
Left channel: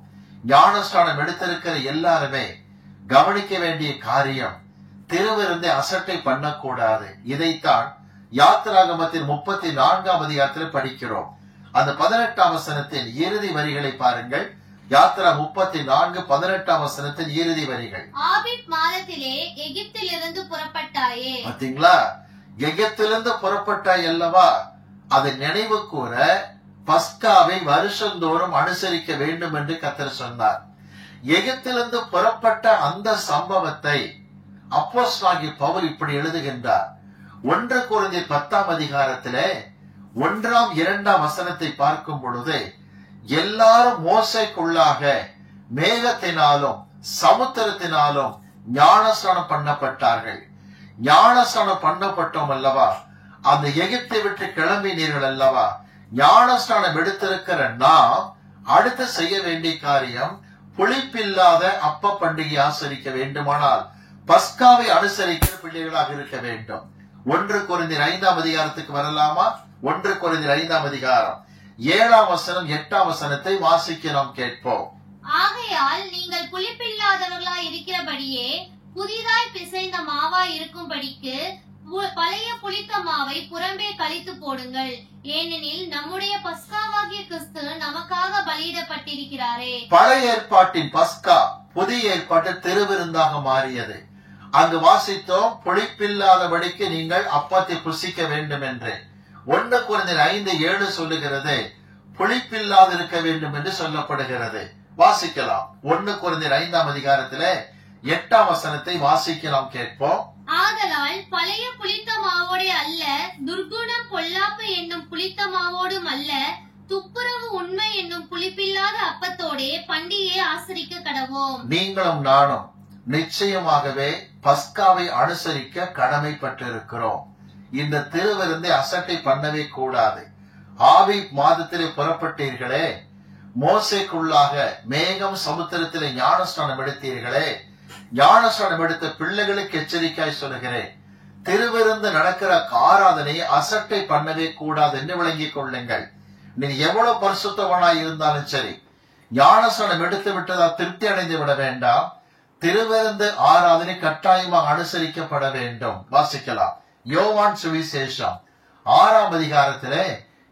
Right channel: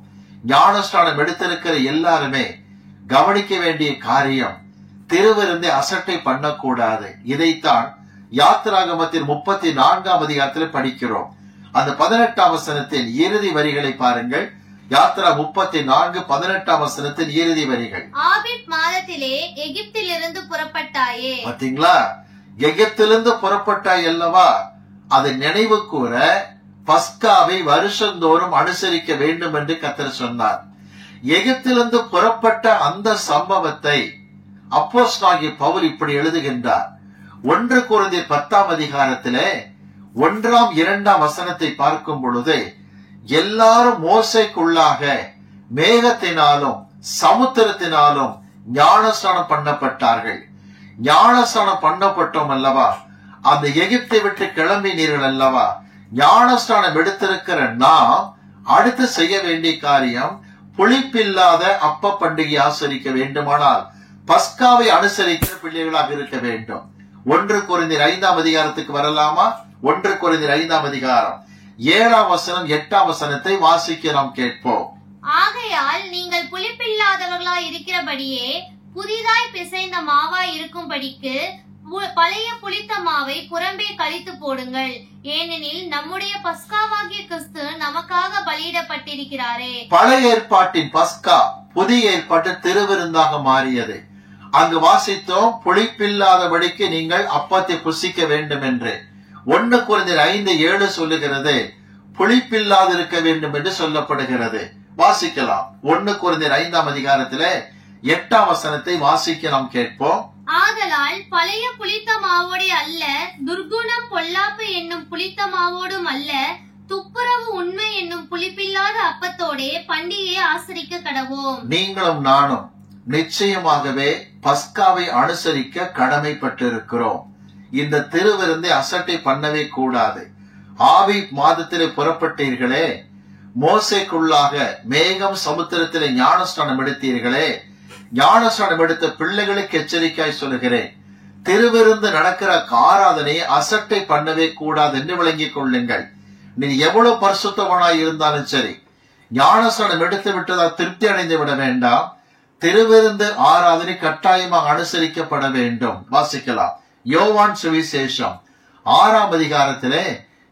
ஞானஸ்நானம் எடுத்திருக்கிற எல்லாருமே கவனிக்க வேண்டிய காரியம், திருவிருந்தை அசட்டை பண்ணக்கூடாது. இதைத்தான் யாத்திராகமத்தின் 34ஆம் அதிகாரத்தில் படிக்கிறோம். அந்த 18ஆம் வசனத்தின் இறுதி வரிகளை பாருங்கள். யாத்திரா 34:18ஆம் வசனத்தின் இறுதி வரிகள். ஆபீப் மாதத்திலே எகிப்திலிருந்து புறப்பட்டாயே. பாத்தீங்களா? எகிப்திலிருந்து புறப்பட்டாய் அல்லவா? அதை நினைவு கூற பஸ்காவை வருஷந்தோறும் அனுசரிக்க வேண்டும் என்று கர்த்தர் சொன்னார். எகிப்திலிருந்து புறப்பட்ட அந்த சம்பவத்தை அப்போஸ்தலனாகிய பவுல் இப்படி எழுதுகின்றார். 1 கொரிந்தியர் 10ஆம் அதிகாரத்திலே 1ஆம் 2ஆம் வசனத்தை பார்க்கும் பொழுது, எல்லாரும் மோசேக்குள்ளாக மேகத்தினாலும் சமுத்திரத்தினாலும் ஞானஸ்நானம் பண்ணப்பட்டார்கள். ஞானஸ்நானம் பண்ணப்பட்டோம் அல்லவா? அந்த எகிப்தை விட்டு கிளம்பினீர்கள் அல்லவா? ஞானஸ்நானம் எடுத்திருக்கிற நாம் அடுத்து செய்ய வேண்டிய காரியம், புளிப்பில்லாத அப்ப பண்டிகை ஆசரிக்க வேண்டுமானால் பஸ்காவை அனுசரிக்கிற பிள்ளைகளாக இருக்க வேண்டும். 1 கொரிந்தியர் 5ஆம் அதிகாரத்துக்கு வரலாமா? 1 கொரிந்தியர் 5ஆம் அதிகாரம் 7ஆம் வசனம் 8ஆம் வசனத்தை வாசிக்க நாம் கேட்போம். ஆகையால் நீங்கள் புளிப்பில்லாதவர்களாய் இருக்கிறபடியே புதிதாய் பிசைந்த மாவாய் இருக்கும்படிக்கு பழைய புளித்த மாவை புறம்பே கழித்து போடுங்கள். ஏனெனில் நம்முடைய பஸ்காவாகிய கிறிஸ்து நமக்காக பலியிடப்பட்டிருக்கிறாரே. பழைய ஏற்பாட்டின் பஸ்கா புதிய ஏற்பாட்டு திருவிருந்தாக மாறியது. அங்கு வாசித்தோம், புளிப்பில்லாதபடிக்கு நீங்கள் அப்பத்தை புசிக்க வேண்டும் என்று. 1 கொரிந்தியர் 5:7 சொல்லுகிறது, புளிப்பில்லாது இருக்க வேண்டும் என்று சொல்லப்படுகிறது. வாசிக்கலாம். 1 கொரிந்தியர் 5ஆம் அதிகாரத்திலே 8ஆம் வசனத்தை வாசிக்க நாம் கேட்போம். ஆதலால் பழைய புளித்த மாவோடே அல்ல, துர்குணம் பொல்லாப்பு என்னும் புளித்த மாவோடும் அல்ல, துப்புரவு உண்மை என்னும் புளிப்பில்லாத அப்பத்தோடே பண்டிகையை ஆசரிக்க கடவோம். நீங்களும் நானும் நிச்சயமாகவே பஸ்காவை அனுசரிக்க கடமைப்பட்டிருக்கிறோம். இந்த திருவிருந்தை அசட்டை பண்ணவே கூடாது. ஆபீப் மாதத்திலே புறப்பட்டீர்களே, மோசேக்குள்ளாக மேகம் சமுத்திரத்திலே ஞானஸ்நானம் எடுத்தீர்களே, ஞானஸ்நானம் எடுத்த பிள்ளைகளுக்கு எச்சரிக்கையாய் சொல்லுகிறேன், திருவிருந்து நடக்கிற ஆராதனையை அசட்டை பண்ணவே கூடாது என்று விளங்கிக் கொள்ளுங்கள். நீ எவ்வளவு பரிசுத்தவனாய் இருந்தாலும் சரி, ஞானஸ்நானம் எடுத்து விட்டதால் திருப்தி அடைந்து விட வேண்டாம். திருவிருந்து ஆராதனை கட்டாயமாக அனுசரிக்கப்பட வேண்டும். வாசிக்கலாம். யோவான் சுவிசேஷம் 6ஆம் அதிகாரத்திலே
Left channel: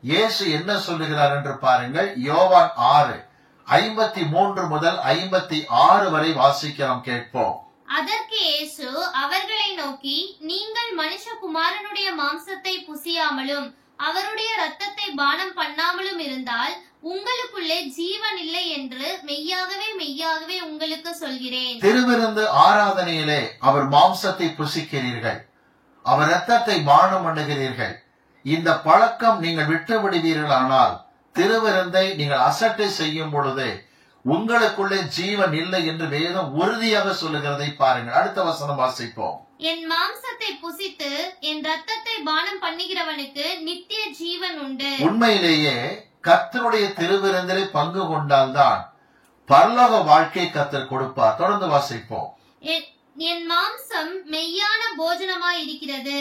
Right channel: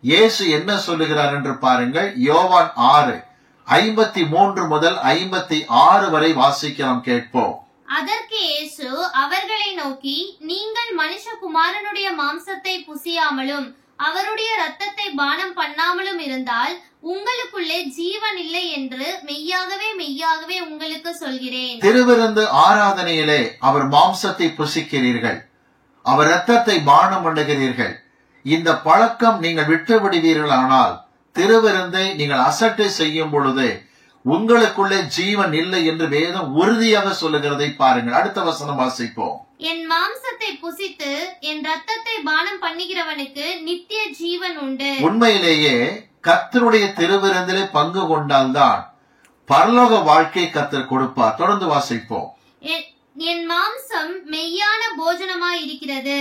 இயேசு என்ன சொல்லுகிறார் என்று பாருங்கள். யோவான் 6:53 முதல் 56 வரை வாசிக்க நாம் கேட்போம். அதற்கு இயேசு அவர்களை நோக்கி, நீங்கள் மனுஷகுமாரனுடைய மாம்சத்தை புசியாமலும் அவருடைய இரத்தத்தை பானம் பண்ணாமலும் இருந்தால் உங்களுக்குள்ளே ஜீவன் இல்லை என்று மெய்யாகவே மெய்யாகவே உங்களுக்கு சொல்கிறேன். திருவிருந்து ஆராதனையிலே அவர் மாம்சத்தை புசிக்கிறீர்கள், அவர் இரத்தத்தை பானம் பண்ணுகிறீர்கள். இந்த பழக்கம் நீங்கள் விட்டு விடுவீர்களானால், திருவிருந்தை நீங்கள் அசட்டை செய்யும் பொழுது உங்களுக்குள்ளே ஜீவன் இல்லை என்று வேதம் உறுதியாக சொல்லுகிறதை பாருங்கள். அடுத்த வசனம் வாசிப்போம். என் மாம்சத்தை புசித்து என் இரத்தத்தை பானம் பண்ணுகிறவனுக்கு நித்திய ஜீவன் உண்டு. உண்மையிலேயே கர்த்தருடைய திருவிருந்திலே பங்கு கொண்டால்தான் பரலோக வாழ்க்கை கர்த்தர் கொடுப்பார். தொடர்ந்து வாசிப்போம். என் மாம்சம் மெய்யான போஜனமாய் இருக்கிறது,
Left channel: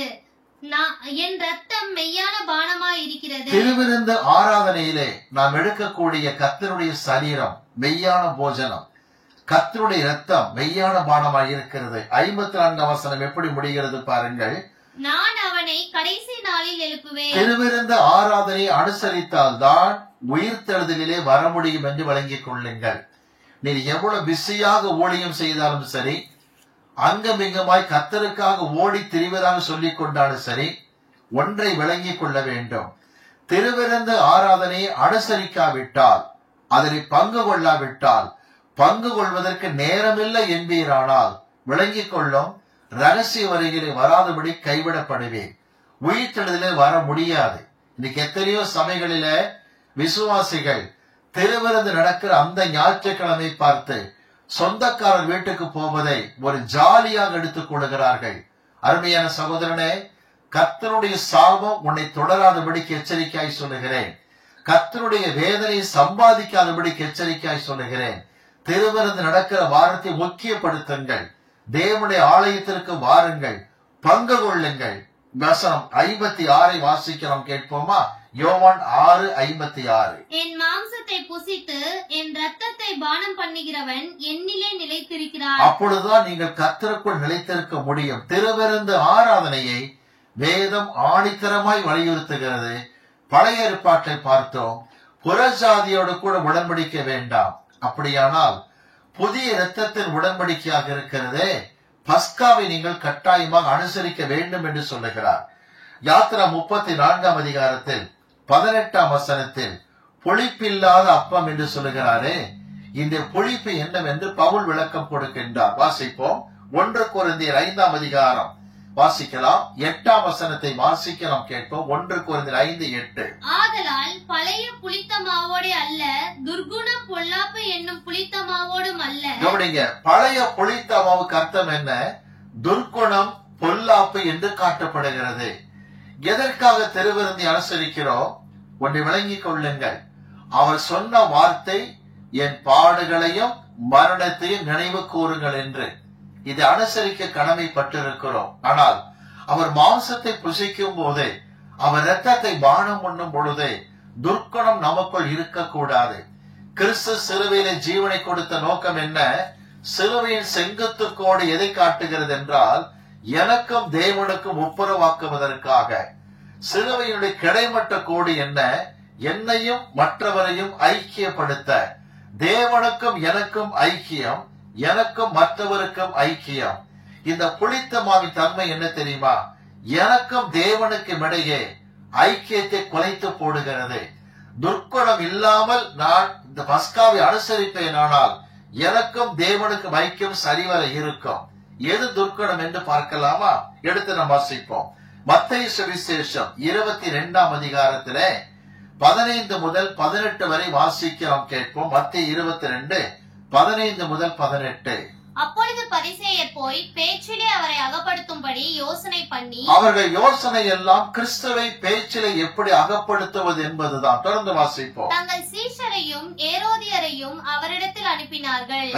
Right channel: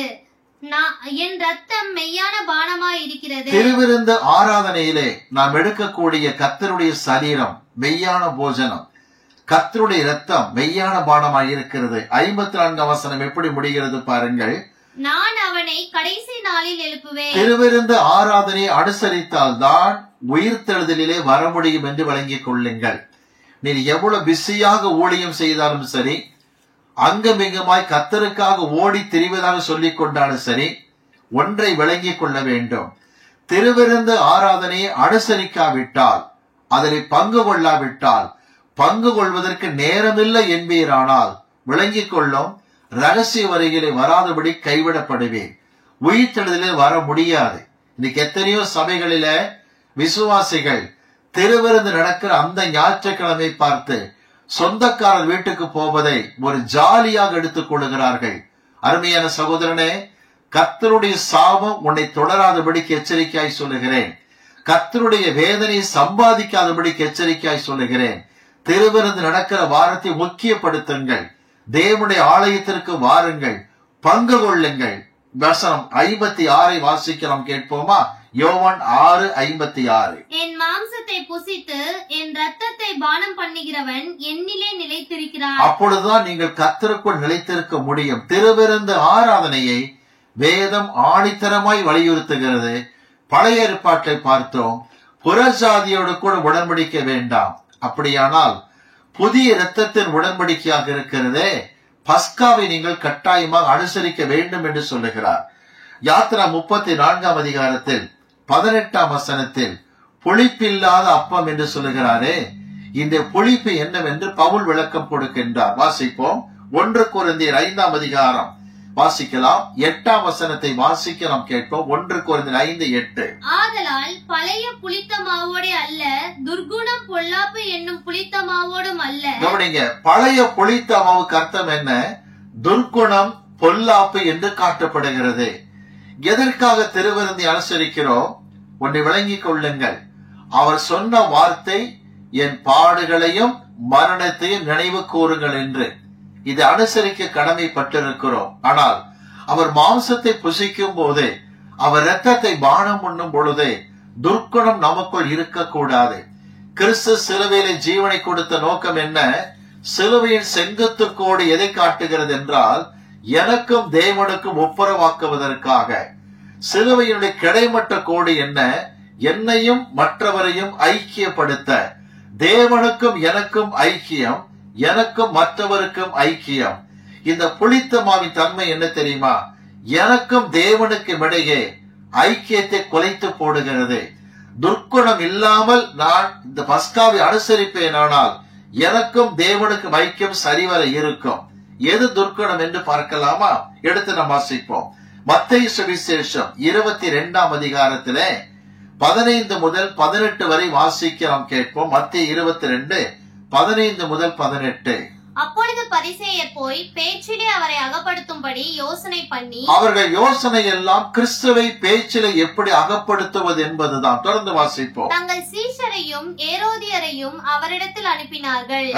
என் ரத்தம் மெய்யான பானமாய் இருக்கிறது. திருவிருந்து ஆராதனையிலே நாம் எடுக்கக்கூடிய கர்த்தருடைய சரீரம் மெய்யான போஜனம், கர்த்தருடைய ரத்தம் மெய்யான பானமாய் இருக்கிறது. 54ஆம் வசனம் எப்படி முடிகிறது பாருங்கள். நான் அவனை கடைசி நாளில் எழுப்புவேன். திருவிருந்து ஆராதனை அனுசரித்தால் தான் உயிர்த்தெழுதலிலே வர முடியும் என்று விளங்கிக் கொள்ளுங்கள். நீ எவ்வளவு பிஸியாக ஊழியம் செய்தாலும் சரி, அங்கமிங்குமாய் கர்த்தருக்காக ஓடி திரிவதாக சொல்லிக் கொண்டாலும் சரி, ஒன்றை விளங்கிக் கொள்ள வேண்டும். திருவிருந்து ஆராதனையை அனுசரிக்காவிட்டால், அதில் பங்கு கொள்ளாவிட்டால், பங்கு கொள்வதற்கு நேரமில்லை என்பீரானால் விளங்கிக் கொள்ளும், ரகசிய வருகையிலே வராதபடி கைவிடப்படுவேன். உயிர்த்தெழுதலிலே வர முடியாது. இன்னைக்கு எத்தனையோ சபைகளில விசுவாசிகள் திருவிருந்து நடக்கிற அந்த ஞாயிற்றுக்கிழமை பார்த்து சொந்தக்காரர் வீட்டுக்கு போவதை ஒரு ஜாலியாக எடுத்துக் கொள்கிறார்கள். அருமையான சகோதரனே, கர்த்தருடைய சாபம் உன்னை தொடராதபடிக்கு எச்சரிக்கையாய் சொல்லுகிறேன். கர்த்தருடைய வேதனை சம்பாதிக்காதபடிக்கு எச்சரிக்கையாய் சொல்லுகிறேன். திருவிருந்து நடக்கிற வாரத்தை முக்கியப்படுத்துங்கள். தேவனுடைய ஆலயத்திற்கு வாருங்கள், பங்கு கொள்ளுங்கள். வசனம் 56 வாசிக்கலாம், கேட்போமா? யோவான் 6:56. என் மாம்சத்தை புசித்து என் இரத்தத்தை பானம் பண்ணுகிறவன் என்னிலே நிலைத்திருக்கிறான். அப்பொழுதுதான் நீங்கள் கர்த்தருக்குள் நிலைத்திருக்க முடியும். திருவிருந்து ஆராதனையை வேதம் ஆணித்தரமாய் வலியுறுத்துகிறது. பழைய ஏற்பாட்டை பார்த்தோம். புறஜாதியோடு கூட உடன்படிக்க வேண்டாம். அப்படியானால் புதிய இரத்தத்தின் உடன்படிக்கையாக இருக்கிறதே, பஸ்காவை நீங்கள் கட்டாயமாக அனுசரிக்க வேண்டும் என்று சொல்லுகிறார். யாத்ரா 34 அதிகாரத்தில் 18 வசனத்தில் புளிப்பில்லாத அப்பம் என்று சொல்லுகிறாரே, இந்த புளிப்பு என்னவென்று பவுல் விளக்கம் கொடுக்கின்றார். வாசிப்போம். 1 கொரிந்தியர் 5 அதிகாரம் வாசிக்கலாம். 8 வசனத்தை வாசிக்கலாம், கேட்போம். 1 கொரிந்தியர் 5:8. ஆதலால் பழைய புளித்த மாவோடு அல்ல, துர்குணம் பொல்லாப்பு என்னும் புளித்த மாவோடும் அல்ல. கவனிங்க, பழைய புளித்த மாவுக்கு அர்த்தம் என்ன? துர்குணம் பொல்லாப்பு என்று காட்டப்படுகிறது. எதற்காக திருவிருந்தை அனுசரிக்கிறோம்? ஒன்றை விளங்கிக் கொள்ளுங்கள். அவர் சொன்ன வார்த்தை, என் பாடுகளையும் மரணத்தையும் நினைவு கூறுங்கள் என்று. இது அனுசரிக்க கடமைப்பட்டிருக்கிறோம். ஆனால் அவர் மாம்சத்தை புசிக்கும் போதே, அவர் இரத்தத்தை பானம் உண்ணும் பொழுதே துர்க்குணம் நமக்குள் இருக்கக்கூடாது. கிறிஸ்து சிலுவையிலே ஜீவனை கொடுத்த நோக்கம் என்ன? சிலுவையின் செங்குத்து கோடு எதை காட்டுகிறது என்றால், எனக்கும் தேவனுக்கும் ஒப்புரவாக்குவதற்காக. சிலுவையினுடைய கிடைமட்ட கோடு என்ன? என்னையும் மற்றவரையும் ஐக்கியப்படுத்த. தேவனுக்கும் எனக்கும் ஐக்கியம், எனக்கும் மற்றவருக்கும் ஐக்கியம். இந்த புளித்த மாவின் தன்மை என்ன தெரியுமா? எனக்கும் தேவனுக்கும் இடையே ஐக்கியத்தை குலைத்து போடுகிறது. துர்க்குணம் இல்லாமல் நான் இந்த பஸ்காவை அனுசரிப்பேனானால் எனக்கும் தேவனுக்கும் ஐக்கியம் சரிவர இருக்கும். எது துர்க்குணம் என்று பார்க்கலாமா? எடுத்து நாம் வாசிப்போம். மத்தேயு சுவிசேஷம் 22 அதிகாரத்திலே 15 முதல் 18 வரை வாசிக்கலாம், கேட்போம். மத்தேயு 22:15 முதல் 18. அப்பொழுது பரிசேயர் போய் பேச்சிலே அவரை அகப்படுத்தும்படி யோசனை பண்ணி, அவர்கள் யோசனை எல்லாம் கிறிஸ்துவை பேச்சிலே எப்படி அகப்படுத்துவது என்பதுதான். தொடர்ந்து வாசிப்போம். தங்கள் சீஷரையும் ஏரோதியரையும் அவரிடத்தில் அனுப்பினார்கள்.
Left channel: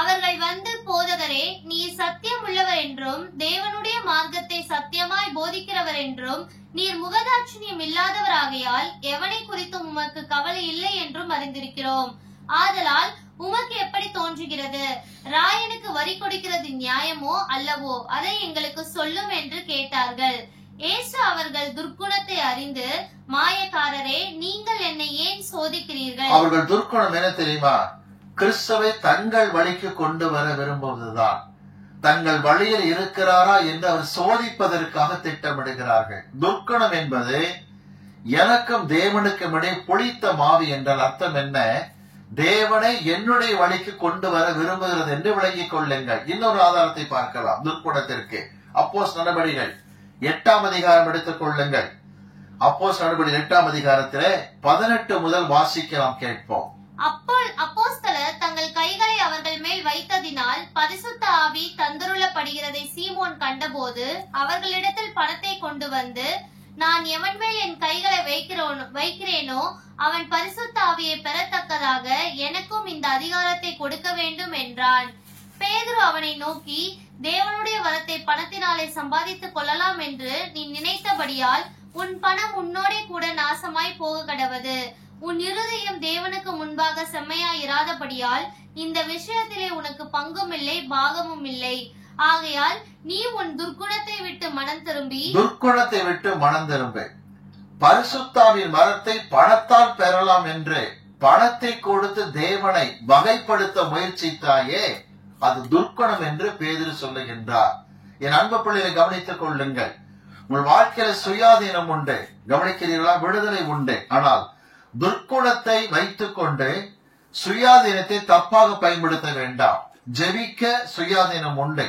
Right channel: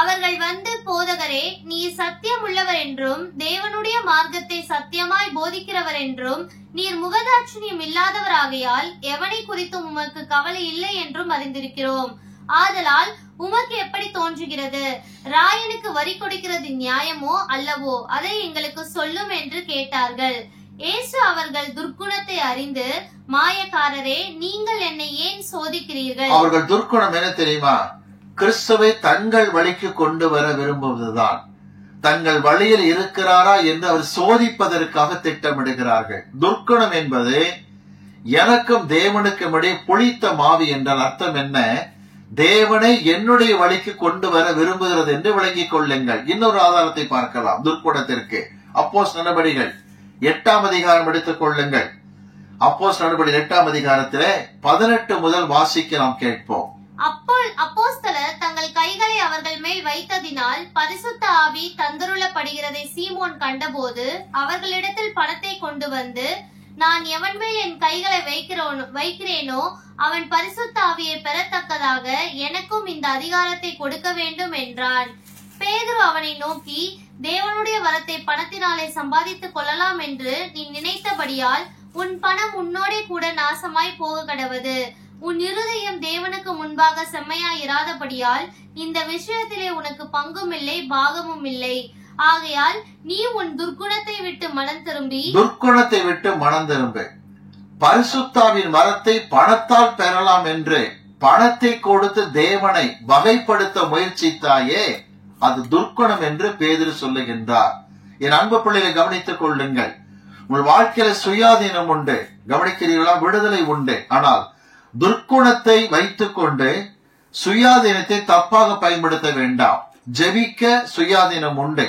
அவர்கள் வந்து, போதகரே, நீர் சத்தியம் உள்ளவர் என்றும் தேவனுடைய மார்க்கத்தை சத்தியமாய் போதிக்கிறவர் என்றும் நீர் முகதாட்சிணியம் இல்லாதவராகையால் எவனை குறித்தும் உமக்கு கவலை இல்லை என்றும் அறிந்திருக்கிறோம். ஆதலால் உமக்கு எப்படி தோன்றுகிறது? ராயனுக்கு வரி கொடுக்கிறது நியாயமோ அல்லவோ? அதை எங்களுக்கு சொல்லும் என்று கேட்டார்கள். இயேசு அவர்கள் துர்க்குணத்தை அறிந்து, மாயக்காரரே, நீங்கள் என்னை ஏன் சோதிக்கிறீர்கள்? அவர்கள் துர்க்குணம் என்ன தெரியுமா? கிறிஸ்துவை தங்கள் வழிக்கு கொண்டு வர விரும்புவதுதான். தங்கள் வழியில் இருக்கிறாரா என்று அவர் சோதிப்பதற்காக திட்டமிடுகிறார்கள். துர்க்குணம் என்பது எனக்கும் தேவனுக்கும் இடையே புளித்த மாவு என்றால் அர்த்தம் என்ன? தேவனை என்னுடைய வழிக்கு கொண்டு வர விரும்புகிறது என்று விளங்கிக் கொள்ளுங்கள். இன்னொரு ஆதாரத்தை பார்க்கலாம் துர்க்குணத்திற்கு. அப்போஸ்தலர் நடபடிகள் 8 அதிகாரம் எடுத்துக் கொள்ளுங்கள். அப்போஸ்தலர் நடபடிகள் 8 அதிகாரத்திலே 18 முதல் வாசிக்கலாம், கேட்போம். அப்போஸ்தலர் தங்கள் கைகளை அவர்கள் மேல் வைத்ததினால் பரிசுத்த ஆவி தந்தருளப்படுகிறதை சீமோன் கண்டபோது அவர்களிடத்தில் பணத்தை கொண்டு வந்து, நான் எவன் மேல் என் கைகளை வைக்கிறேனோ அவன் பரிசுத்த ஆவியை பெறத்தக்கதாக எனக்கும் இந்த அதிகாரத்தை கொடுக்க வேண்டும் என்றான். பேதுரு அவனை நோக்கி, தேவனுடைய வரத்தை பணத்தினாலே சம்பாதித்துக் கொள்ளலாம் என்று நீ நினைத்தபடியால் உன் பணம் உன்னோடே கூட நாசமாய் போக கடவது. உன் இருதயம் தேவனுக்கு முன்பாக செம்மையாய் இராதபடியால் இந்த விஷயத்திலே உனக்கு பங்கும் இல்லை, பாகமும் இல்லை. ஆகையால் நீ உன் துர்க்குணத்தை விட்டு மனம் திரும்பு. பரிசுத்தாவின் வரத்தை பணத்தால் பெறலாம் என்று பணத்தை கொடுத்து தேவனை வகைப்படுத்த முயற்சித்தாயே, அது துர்க்குணம் என்று பேதுரு சொல்லுகின்றார். என் அன்பு பிள்ளைகளை கவனித்துக் கொள்ளுங்கள். உங்கள் வாழ்க்கையில சுயாதீனம் உண்டு, கவனிக்கிறீர்களா? விடுதலை உண்டு. ஆனால் துர்க்குணத்தை வைத்துக் கொண்டு சுயாதீனத்தை தப்பாக பயன்படுத்த வேண்டாம். ஜெபிக்க சுயாதீனம் உண்டு,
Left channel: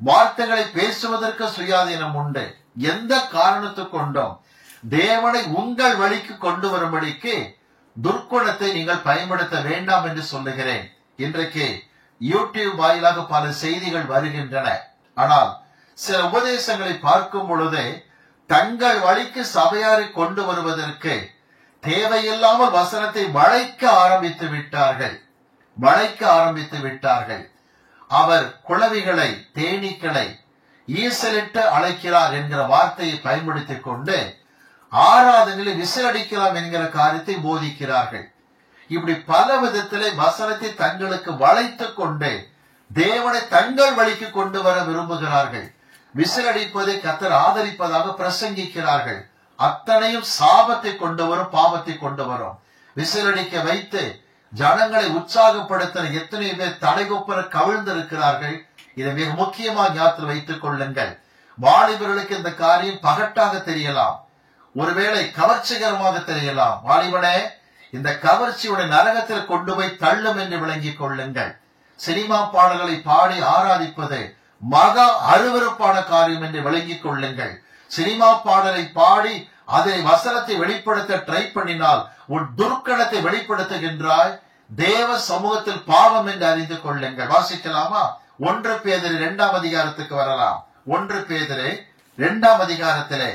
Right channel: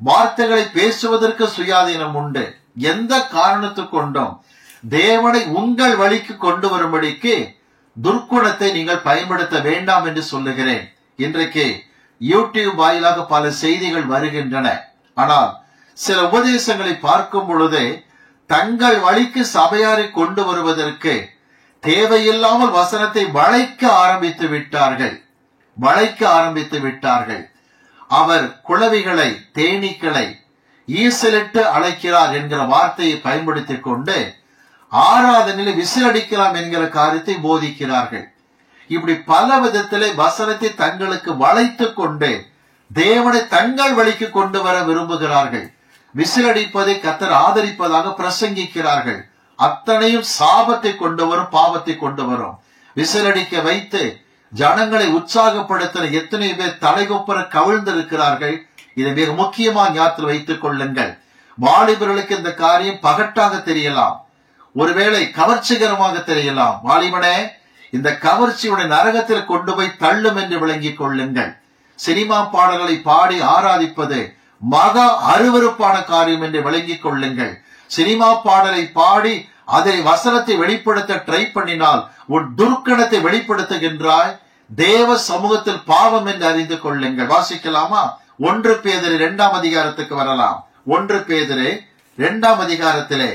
வார்த்தைகளை பேசுவதற்கு சுயாதீனம் உண்டு. எந்த காரணத்துக் கொண்டும் தேவனை உங்கள் வழிக்கு கொண்டு வரும்படிக்கு துர்க்குணத்தை நீங்கள் பயன்படுத்த வேண்டாம் என்று சொல்லுகிறேன். இன்றைக்கு யூடியூப் வாயிலாக பல செய்திகள் வருகின்றன. ஆனால் சில உபதேசங்களை பார்க்கும் பொழுதே தங்கள் வழிக்கு சபையாரை கொண்டு வருவதற்கு தேவையில்லாமல் வசனத்தை வளைக்க ஆரம்பித்து விட்டார்கள். அவர் குளவிகளை, தேனீக்களை ஈசலிட்டு அழைக்கிறார் என்கிற வார்த்தையை பயன்படுத்திக் கொண்டு ஆராதனையில் விசிலடிக்கலாம் என்கிற காரியத்தை போதிக்கிறார்கள். இப்படி பல விதத்திலே வசனத்தை தங்களுக்கு வளைத்துக் கொண்டு தேவனை தங்கள் வழிக்கு கொண்டு வர விரும்புகிறார்கள். விசிலடிப்பதை கர்த்தர் ஆதரிப்பதாக பிரசங்கிக்கிறார்கள். அத்தனையும் சாபத்தை கொண்டு வரும், பாவத்தை கொண்டு வரும். விசிலடிக்க வைத்து ஜனங்களை உற்சாகப்படுத்த எத்தனை பேர் தலைகொப்பர கவிழ்ந்திருக்கிறார்கள். இதை மிக முக்கியமாக ஞாபகத்தில் வைத்துக் கொள்ளுங்கள். வாலிபர்களுக்கு இந்த காரியம் பகட்டாக தெரியலாம், ஒருவேளை கவர்ச்சிகரமாக தெரியலாம். வாலிபனே, இந்த கவர்ச்சியுடைய நரகத்தில் கொண்டு போய் தள்ளும் என்று விளங்கிக் கொள்ளுங்கள். சினிமா பாடல்களை பாடி ஆராதிப்பது மகா அருவருப்பான காரியம் என்று விளங்கிக் கொள்ளுங்கள். சினிமா பாடலை பாடி அதை வசனத்தை வெளிப்படுத்த ட்ரை பண்ணினால் உன் துர்க்கணத்தை வெளிப்படுத்துகின்றாய். தேவ சமூகத்தில் பாவம் என்று அறிந்து கொள்ளுங்கள். வாசிக்கலாமா? 1 பேதுரு 2ஆம் அதிகாரத்துக்கு வரலாம். 1 பேதுரு 2ஆம் அதிகாரத்திலே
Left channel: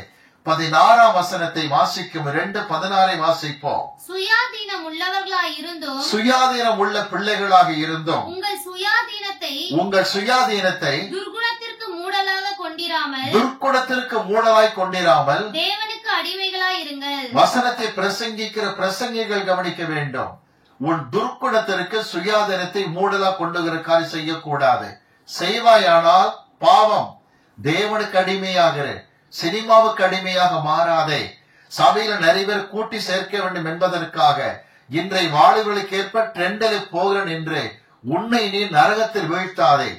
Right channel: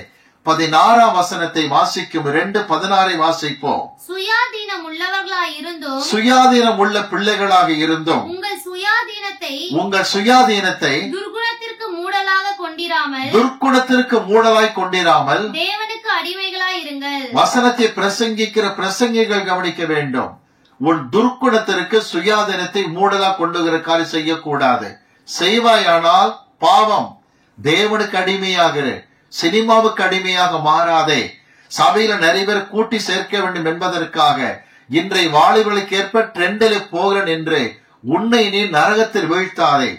16ஆம் வசனத்தை வாசிக்கும். 2:16 வாசிப்போம். சுயாதீனம் உள்ளவர்களாய் இருந்தும், சுயாதீனம் உள்ள பிள்ளைகளாக இருந்தும் உங்கள் சுயாதீனத்தை துர்குணத்திற்கு மூடலாய் கொண்டிராமல் தேவனுக்கு அடிமைகளாய் இருங்கள். வசனத்தை பிரசங்கிக்கிற பிரசங்கிகள் கவனிக்க வேண்டும். உன் துர்க்குணத்திற்கு சுயாதீனத்தை மூடலா கொண்டுகிற காரியம் செய்யக்கூடாது. செய்வாயானால் பாவம். தேவனுக்கு அடிமையாகிற, சினிமாவுக்கு அடிமையாக மாறாதே. சபையில நிறைய பேர் கூட்டி சேர்க்க வேண்டும் என்பதற்காக இன்றைய வாலிபர்களுக்கு ஏற்ப ட்ரெண்டில் போகிறேன் என்று உன்னை நீ நரகத்தில் வீழ்த்தாதே.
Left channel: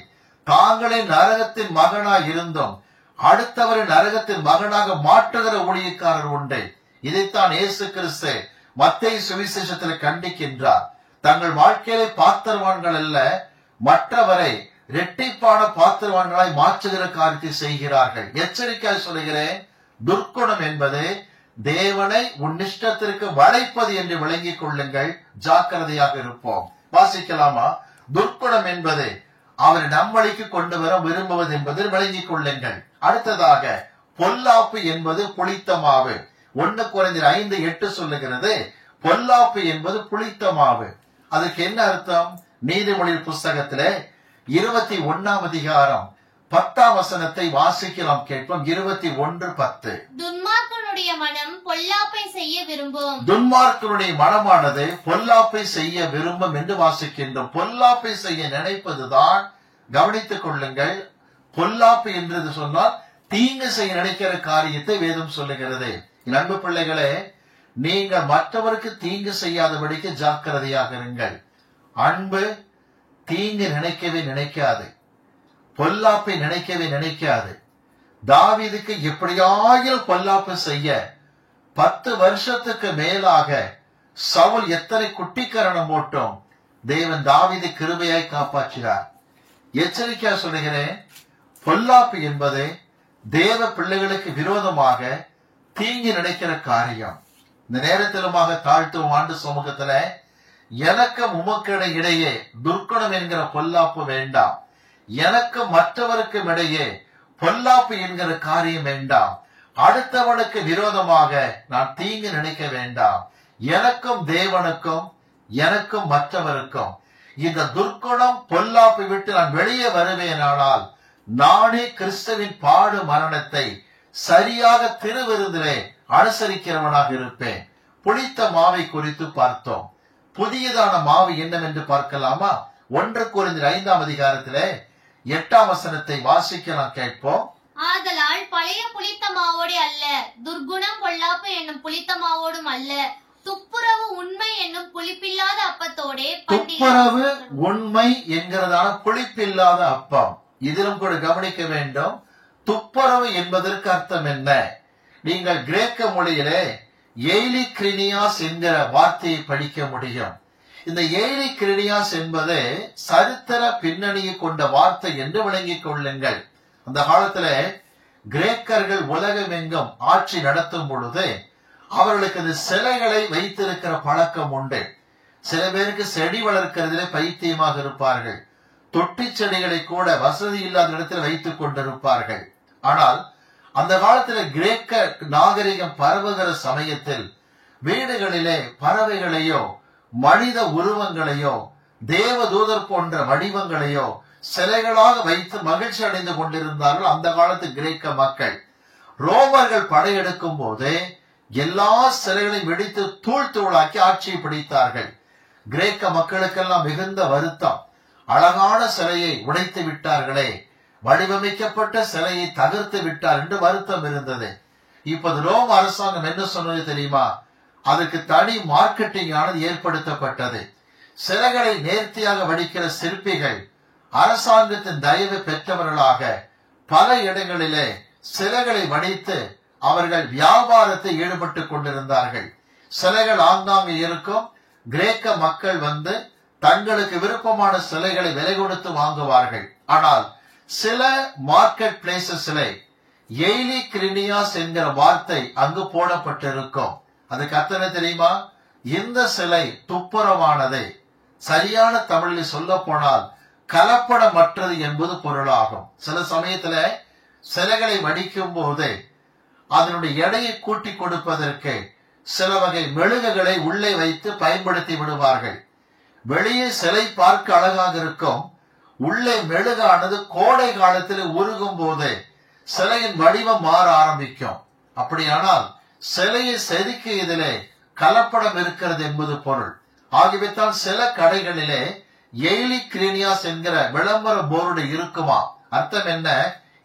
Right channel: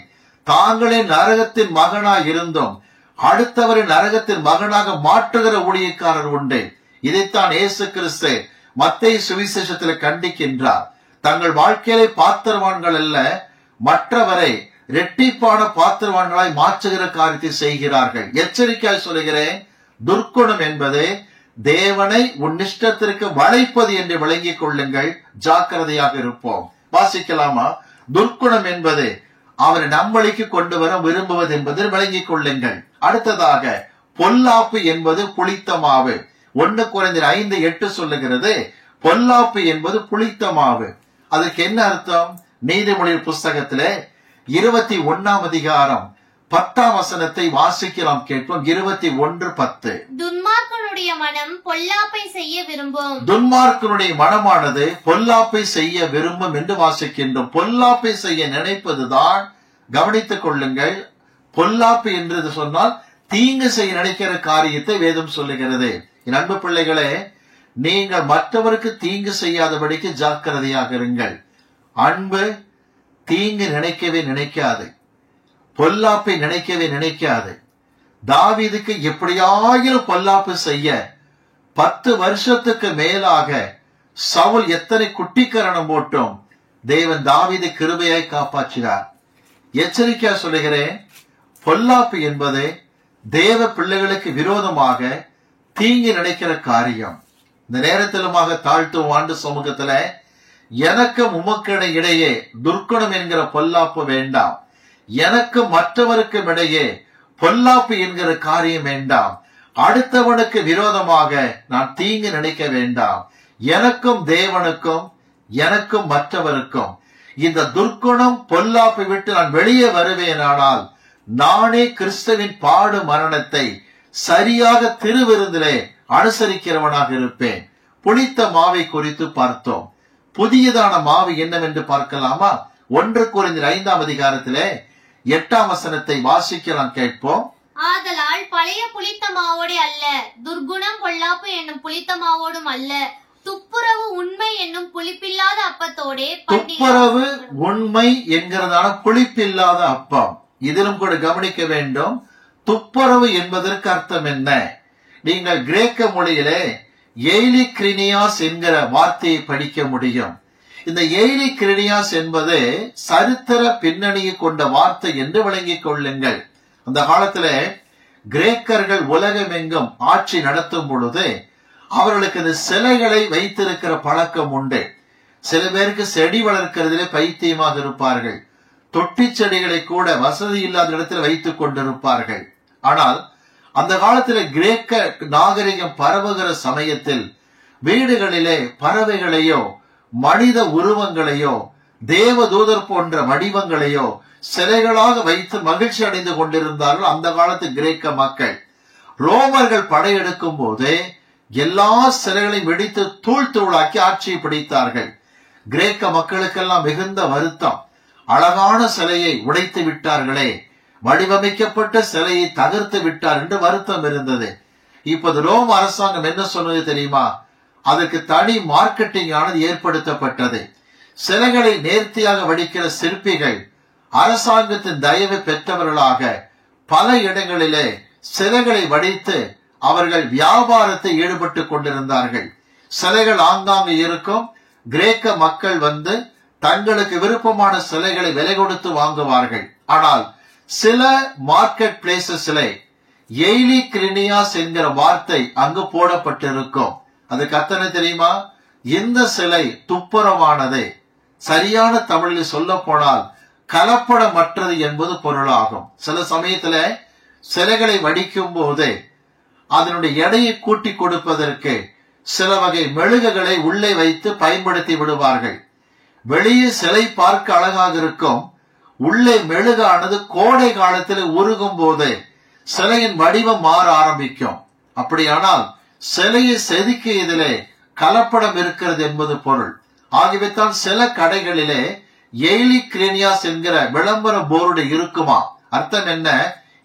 தாங்களே நரகத்தின் மகனாய் இருந்தும் அடுத்தவரை நரகத்தின் மகனாக மாற்றுகிற ஊழியக்காரர் உண்டு. இதைத்தான் இயேசு கிறிஸ்து மத்தேயு சுவிசேஷத்தில் கண்டிக்கின்றார். தங்கள் வாழ்க்கையிலே பாத்திரவான்கள் அல்ல, மற்றவரை இரட்டிப்பான பாத்திரவான்களாய் மாற்றுகிற காரியத்தை செய்கிறார்கள். எச்சரிக்கையாய் சொல்கிறேன், துர்க்குணம் என்பது தேவனை உன் இஷ்டத்திற்கு வளைப்பது என்று விளங்கிக் கொள்ளுங்கள். ஜாக்கிரதையாக இருப்போம். வாசிக்கலாமா? துர்க்குணம் என்பது அவரை நம்பளிக்கு கொண்டு வர விரும்புவது என்பது விளங்கிக் கொள்ளுங்கள். அடுத்ததாக பொல்லாப்பு என்பது புளித்த மாவு. 1 கொரிந்தியர் 5:8 சொல்லுகிறது, பொல்லாப்பு என்பது புளித்த மாவு. அதுக்கு என்ன அர்த்தம்? நீதிமொழிகள் புஸ்தகத்திலே 21ஆம் அதிகாரம் 10ஆம் வசனத்தை வாசிக்கலாம், கேட்போம். 21:10. துன்மார்க்கனுடைய மனம் பொல்லாப்பை செய்ய விரும்பும். துன்மார்க்கனுடைய மனமானது பொல்லாப்பை செய்ய விரும்பும் என்று வாசிக்கின்றோம். பொல்லாப்பை செய்ய நினைப்பதுதான், கவனித்துக் கொள்ளுங்கள். பொல்லாப்பு என்று சொன்னால் தீங்கு செய்ய நினைக்கிற காரியத்தை வேதம் சொல்லுகிறது. என் அன்பு பிள்ளைகளே, நீங்கள் மற்றவருக்கு தீங்கு செய்யாதபடிக்கு ஜாக்கிரதையாக இருங்கள். அன்பு தீங்கு நினைக்கவே நினைக்காது, பொல்லாப்பை நினைக்கவே நினைக்காது. தாவீதுக்கு எப்படியாகிலும் பொல்லாப்பு செய்ய 10 வருஷத்துக்கு மேலாக சவுல் எத்தனை குட்டிக்கரணம் போட்டும் தேவன் தாவீதை கிருபையாய் காப்பாற்றினார். எச்சரிக்கையா சொல்லுகிறேன், பொல்லாப்பு என்பது தேவ பிள்ளைகளுக்கு விரோதமாக தீங்கு நினைக்கிற காரியம். இந்த நேரத்திலுமாக தாழ்த்தும் ஆண்டு சமூகத்துல எனக்கும் உமக்கு இடையே துர்க்குணம் என்கிற பொல்லாப்பு வேண்டாம். எனக்கு மற்றவருக்கும் இடையே பொல்லாப்பு என்கிற காரியம் வேண்டாம். அடுத்தவனுக்கு விரோதமாக நான் தீங்கு நினைக்க வேண்டாம். எனக்கும் தேவனுக்கும், எனக்கும் மற்றவருக்கும் இந்த துர்க்குணம் பொல்லாப்பை விட்டு நான் வெளியே வருவேனானால் நானே கிறிஸ்துவின் பாடு மரணத்தை சரியாக திருவிருந்திலே அனுசரிக்கிறவனாக இருப்பேன். புளித்த மாவை குறித்து பார்த்தோம். புதியதான மாவு என்னவென்று பார்க்கலாமா? 1 கொரிந்தியர் 5ஆம் அதிகாரத்திலே 8ஆம் வசனத்தை வாசிக்கலாம், கேட்போம். ஆதலால் பழைய புளித்த மாவோடு அல்ல, துர்குணம் பொல்லாப்பு என்னும் புளித்த மாவோடும் அல்ல, துப்புரவு உண்மை என்னும் புளிப்பில்லாத அப்பத்தோடே. துப்புரவு உண்மை என்கிறதான புளிப்பில்லாத அப்பம். இதிலும் கூட கவனிக்க வேண்டும், துப்புரவு என்பதற்கு அர்த்தம் என்ன? நீங்கள் கிரேக்க மொழியிலே எய்லிக்ரினியாஸ் என்கிற வார்த்தையை படிக்க முடியும். இந்த எய்லிக்ரினியாஸ் என்பது சரித்திர பின்னணியை கொண்ட வார்த்தை என்று விளங்கிக் கொள்ளுங்கள். அந்த காலத்துல கிரேக்கர்கள் உலகமெங்கும் ஆட்சி நடத்தும் பொழுது அவர்களுக்கு இந்த சிலைகளை வைத்திருக்கிற பழக்கம் உண்டு. சில பேருக்கு செடி வளர்க்கிறதுல பைத்தியமாக இருப்பார்கள். தொட்டி செடிகளை கூட வசதி இல்லாத இடத்தில் வைத்துக் கொண்டிருப்பார்கள். ஆனால் அந்த காலத்துல கிரேக்க நாகரிகம் பரவுகிற சமயத்தில் வீடுகளிலே பறவைகளையோ மனித உருவங்களையோ தேவதூதர் போன்ற வடிவங்களையோ சிலைகளாக வைத்து மகிழ்ச்சி அடைந்து கொண்டிருந்தார்கள் அந்த காலத்து கிரேக்க மக்கள். ரோமர்கள் படையெடுக்கும் போது எல்லா சிலைகளையும் வெடித்து தூள் தூளாக்கி ஆட்சியை பிடித்தார்கள். கிரேக்க மக்களுக்கெல்லாம் மிகுந்த வருத்தம். அழகான சிலையை உடைத்து விட்டார்களே, வடிவமைக்கப்பட்ட சிலையை தகர்த்து விட்டார் என்று வருத்தம் இருந்தது. இப்போது ரோம் அரசாங்கம் என்ன சொன்னது தெரியுமா? அதுக்கு தனி மார்க்கெட்டிங் ஆனது ஏற்படுத்தப்பட்டது. சிலைகளை நேர்த்தியாக வடிக்கிற சிற்பிகள் அரசாங்கத்தின் தயவு பெற்றவர்களாக பல இடங்களிலே சிலைகளை வடித்து அவர்கள் வியாபாரத்தை ஈடுபட்டு கொண்டிருந்தார்கள். சிலைகள் ஆங்காங்கு இருக்கும். கிரேக்க மக்கள் வந்து தங்களுக்கு விருப்பமான சிலைகளை விலை கொடுத்து வாங்குவார்கள். ஆனால் சில மார்க்கெட் பிளேசஸ்ல எய்லி கிரினியாஸ் என்கிற வார்த்தை அங்கு போடப்பட்டிருக்கும். அது கத்தனை தெரியுமா? இந்த சிலை துப்புரவானது. சரியான தமிழில் சொல்ல போனால் கலப்படமற்றது என்பது பொருளாகும். சில சமயத்துல சிலைகளை வடிக்கும் போது அதனுடைய எடையை கூட்டி கொடுப்பதற்கு சில வகை மெழுகுகளை உள்ளே வைத்து பயன்படுத்தி விடுவார்கள். வெளியே சிலை பார்க்க அழகாக இருக்கும். உள்ளே மெழுகானது கோடை காலத்தில் உருகும் போது சிலையின் வடிவம் மாற ஆரம்பிக்கும். அப்படியானால் சிலையை செதுக்கியதிலே கலப்படம் இருக்கிறது என்பது பொருள். ஆகவே தான் சில கடைகளிலே எய்லி கிரேனியாஸ் என்கிற விளம்பர போர்டு இருக்குமா? அர்த்தம் என்ன?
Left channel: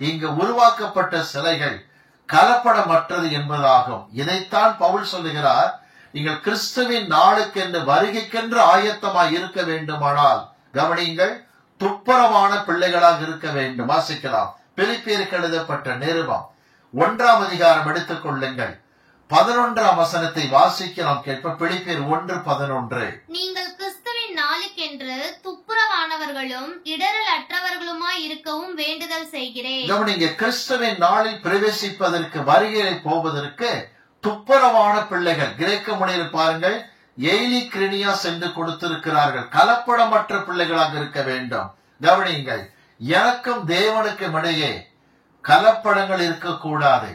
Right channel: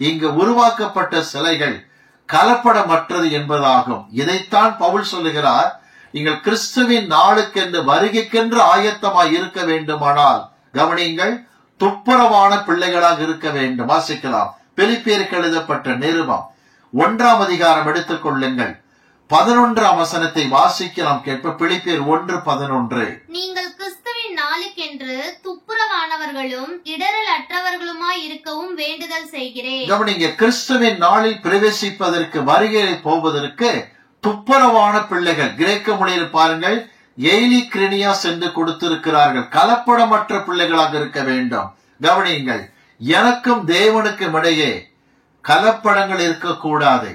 இங்கு உருவாக்கப்பட்ட சிலைகள் கலப்படமற்றது என்பதாகும். இதைத்தான் பவுல் சொல்லுகிறார். நீங்கள் கிறிஸ்துவின் நாளுக்கென்று வருகைக்கென்று ஆயத்தமாய் இருக்க வேண்டுமானால் கவனியுங்கள், துப்புரவான பிள்ளைகளாக இருக்க வேண்டும். வாசிக்கலாம். பிலிப்பியருக்கு எழுதப்பட்ட நிருபம் 1ஆம் அதிகாரம் எடுத்துக் கொள்ளுங்கள். 11ஆம் வசனத்தை வாசிக்க நாம் கேட்ப. பிலிப்பியர் 1:11. நீங்கள் கிறிஸ்துவின் நாளுக்கென்று துப்புரவானவர்களும் இடரல் அற்றவர்களுமாய் இருக்கவும் வேண்டுதல் செய்கிறேன். கவனிங்க, கிறிஸ்துவின் நாளில் பிரவேசிப்பதற்கு வருகையை போவதற்கு துப்புரவான பிள்ளைகள். கிரேக்க மொழியில் பாருங்கள், எய்லி கிரினியாஸ் என்று கொடுத்திருக்கிறார்கள். கலப்படமற்ற பிள்ளைகளாக இருக்க வேண்டும். கவனியுங்கள், எனக்கும் தேவனுக்கும் இடையே கலப்படங்கள் இருக்கக்கூடாது.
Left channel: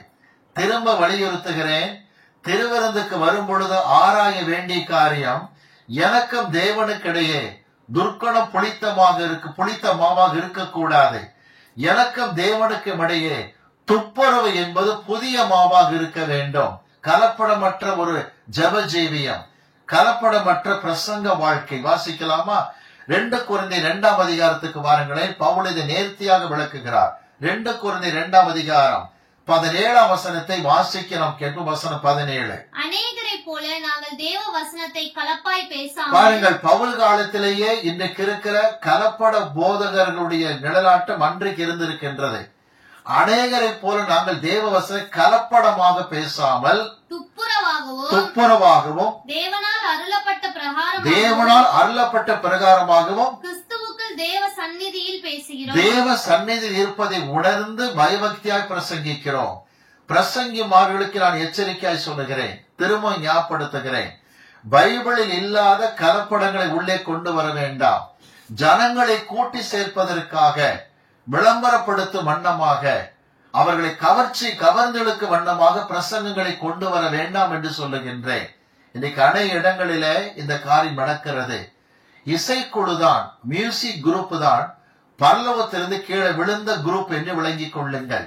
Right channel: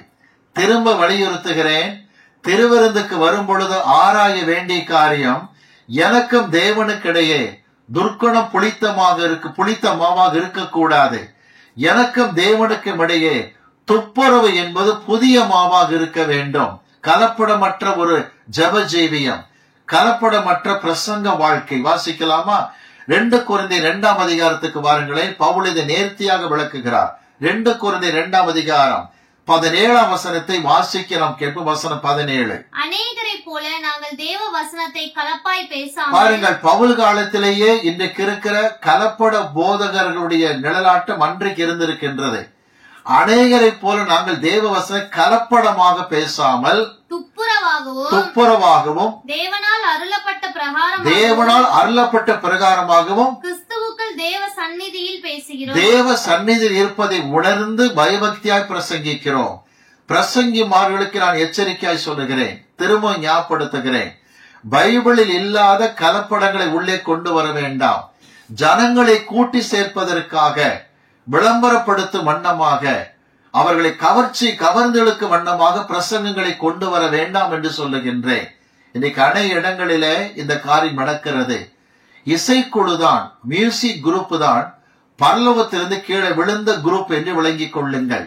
திரும்ப வலியுறுத்துகிறேன், திருவிருந்துக்கு வரும் பொழுது ஆராய வேண்டிய காரியம், எனக்கும் தேவனுக்கு இடையே துர்க்குணம் புளித்த மாவாக இருக்கக்கூடாது. எனக்கும் தேவனுக்கும் இடையே துப்புரவு என்பது புதிய மாவாக இருக்க வேண்டும். கலப்படமற்ற ஒரு ஜப ஜீவியம், கலப்படமற்ற பிரசங்க வாழ்க்கை. வாசிக்கலாமா? 2 கொரிந்தியர் 2ஆம் அதிகாரத்துக்கு வாருங்களேன். பவுல் இதை நேர்த்தியாக விளக்குகிறார். 2 கொரிந்தியர் 2ஆம் அதிகாரம் 17ஆம் வசனத்தை வாசிக்க நாம் கேட்போம். வசனம் 17. அநேகரை போல நாங்கள் தேவ வசனத்தை கலப்பாய் பேசாமல். பாருங்கள், பவுல் காலத்திலேயே இன்றைக்கு இருக்கிற கலப்பட போதகர்களுடைய நிழலாட்டம் அன்றைக்கு இருந்திருக்கின்றது. அநேகரை போல நாங்கள் தேவ வசனம் கலப்படமாக பேசாமல் துப்புரவாகவும் தேவனால் அருளப்பட்ட பிரகாரமாகவும் கிறிஸ்துவுக்குள் தேவ சந்நிதியில் பேசுகிறோம். தேவ சந்நிதியில் இருப்பதை உணர்ந்து பயபக்தியாய் பிரசங்கிக்கிறோம். பிரசங்கிமார்களுக்கு நான் எச்சரிக்கையாய் சொல்லுகிறேன், திரும்ப ஞாபகப்படுத்துகிறேன். பைபிளில் இல்லாத கலப்படங்களை உள்ளே கொண்டு வர வேண்டாம். ஜனங்களை கூட்டி சேர்ப்பதற்காக, விளம்பரப்படுத்தும் வண்ணமாக, அவர்களை கவர்ந்தெழுக்கும் வண்ணமாக பிரசங்கங்களை கொண்டு வர வேண்டாம் என்று சொல்லுகின்றேன். இன்னைக்கு அநேக இடங்களிலே இந்த காரியம் நடக்கிறது. இசைக்குழுதான், மியூசிக் குரூப் தான் பரலோகத்திலிருந்து கீழே விழுந்த குரூப் என்று விளங்கிக் கொள்ளுங்கள்.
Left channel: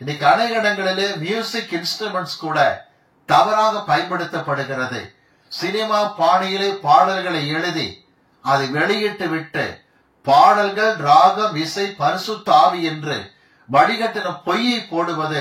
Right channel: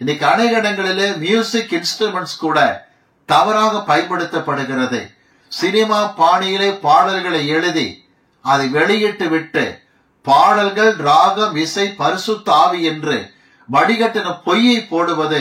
இன்னைக்கு அநேக இடங்களிலே மியூசிக் இன்ஸ்ட்ருமெண்ட்ஸ் கூட தவறாக பயன்படுத்தப்படுகிறது. சினிமா பாணியிலே பாடல்களை எழுதி அதை வெளியிட்டு விட்டு பாடல்கள் ராகம் இசை பரிசுத்த ஆவி என்று வடிகட்டின பொய்யை போடுவது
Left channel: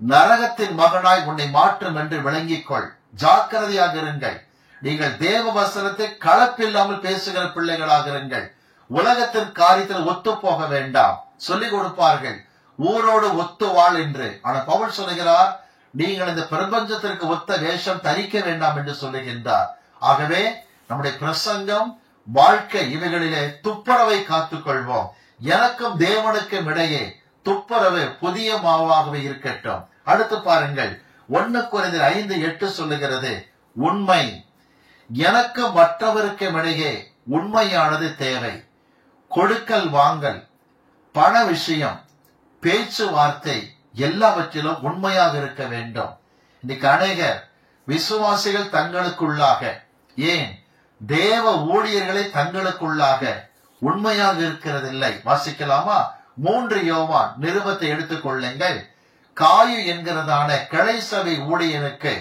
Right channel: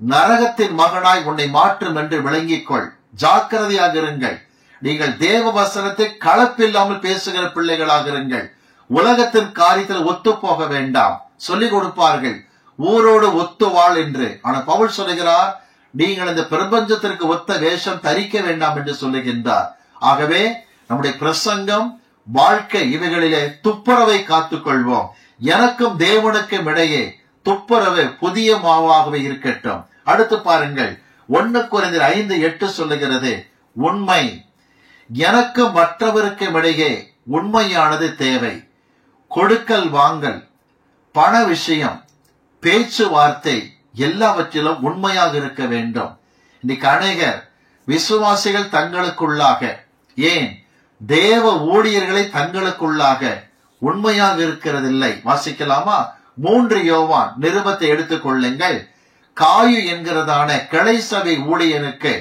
நரகத்தின் மகனாய் உன்னை மாற்றும் என்று விளங்கிக்கொள். ஜாக்கிரதையாக இருங்கள். நீங்கள் தேவ வசனத்தை கலப்பில்லாமல் பேசுகிற பிள்ளைகளாக இருங்கள். உலகத்தின் காரியத்தில் ஒத்து போக வேண்டாம். சொல்லிக் கொடுப்பார்கள், ஊரோடு ஒத்து வாழ் என்று. ஆனா பவுல் சொல்லுகிறார், நீங்கள் இந்த பிரபஞ்சத்திற்கு ஒத்த வேஷம் தரிக்க வேண்டாம் என்று சொல்லுகின்றார். ஆகவே நம்முடைய பிரசங்கம், வாழ்க்கை, இவைகளிலே துப்புரவை காத்துக் கொள்வோம். எனக்கும் தேவனுக்கும் இடையே துப்புரவு புதிய மாவாகவே இருக்கட்டும். அடுத்து பாருங்கள், 1 கொரிந்தியர் 5:8 சொல்லுகிறது, உண்மை. எனக்கு மற்றவருக்கும் இடையே உண்மையானது தேவை. கொடுக்கல் வாங்கல், பண விஷயம், பேச்சுவார்த்தை எல்லாவற்றிலும் உண்மையாக இருக்க வேண்டும். இன்னைக்கு அநேகர் விசுவாசிகள் தங்களுக்குள்ளாக, ஏன் தேவ ஊழியர்களை தங்களுக்குள்ளாக உண்மையாக இருக்கிறதில்லை. வாசிக்கலாமா? 3 யோவான் நிருபத்தை எடுத்துக் கொள்ளுங்கள். காயு என்கிறதான கிளை சபை ஊழியனுக்கு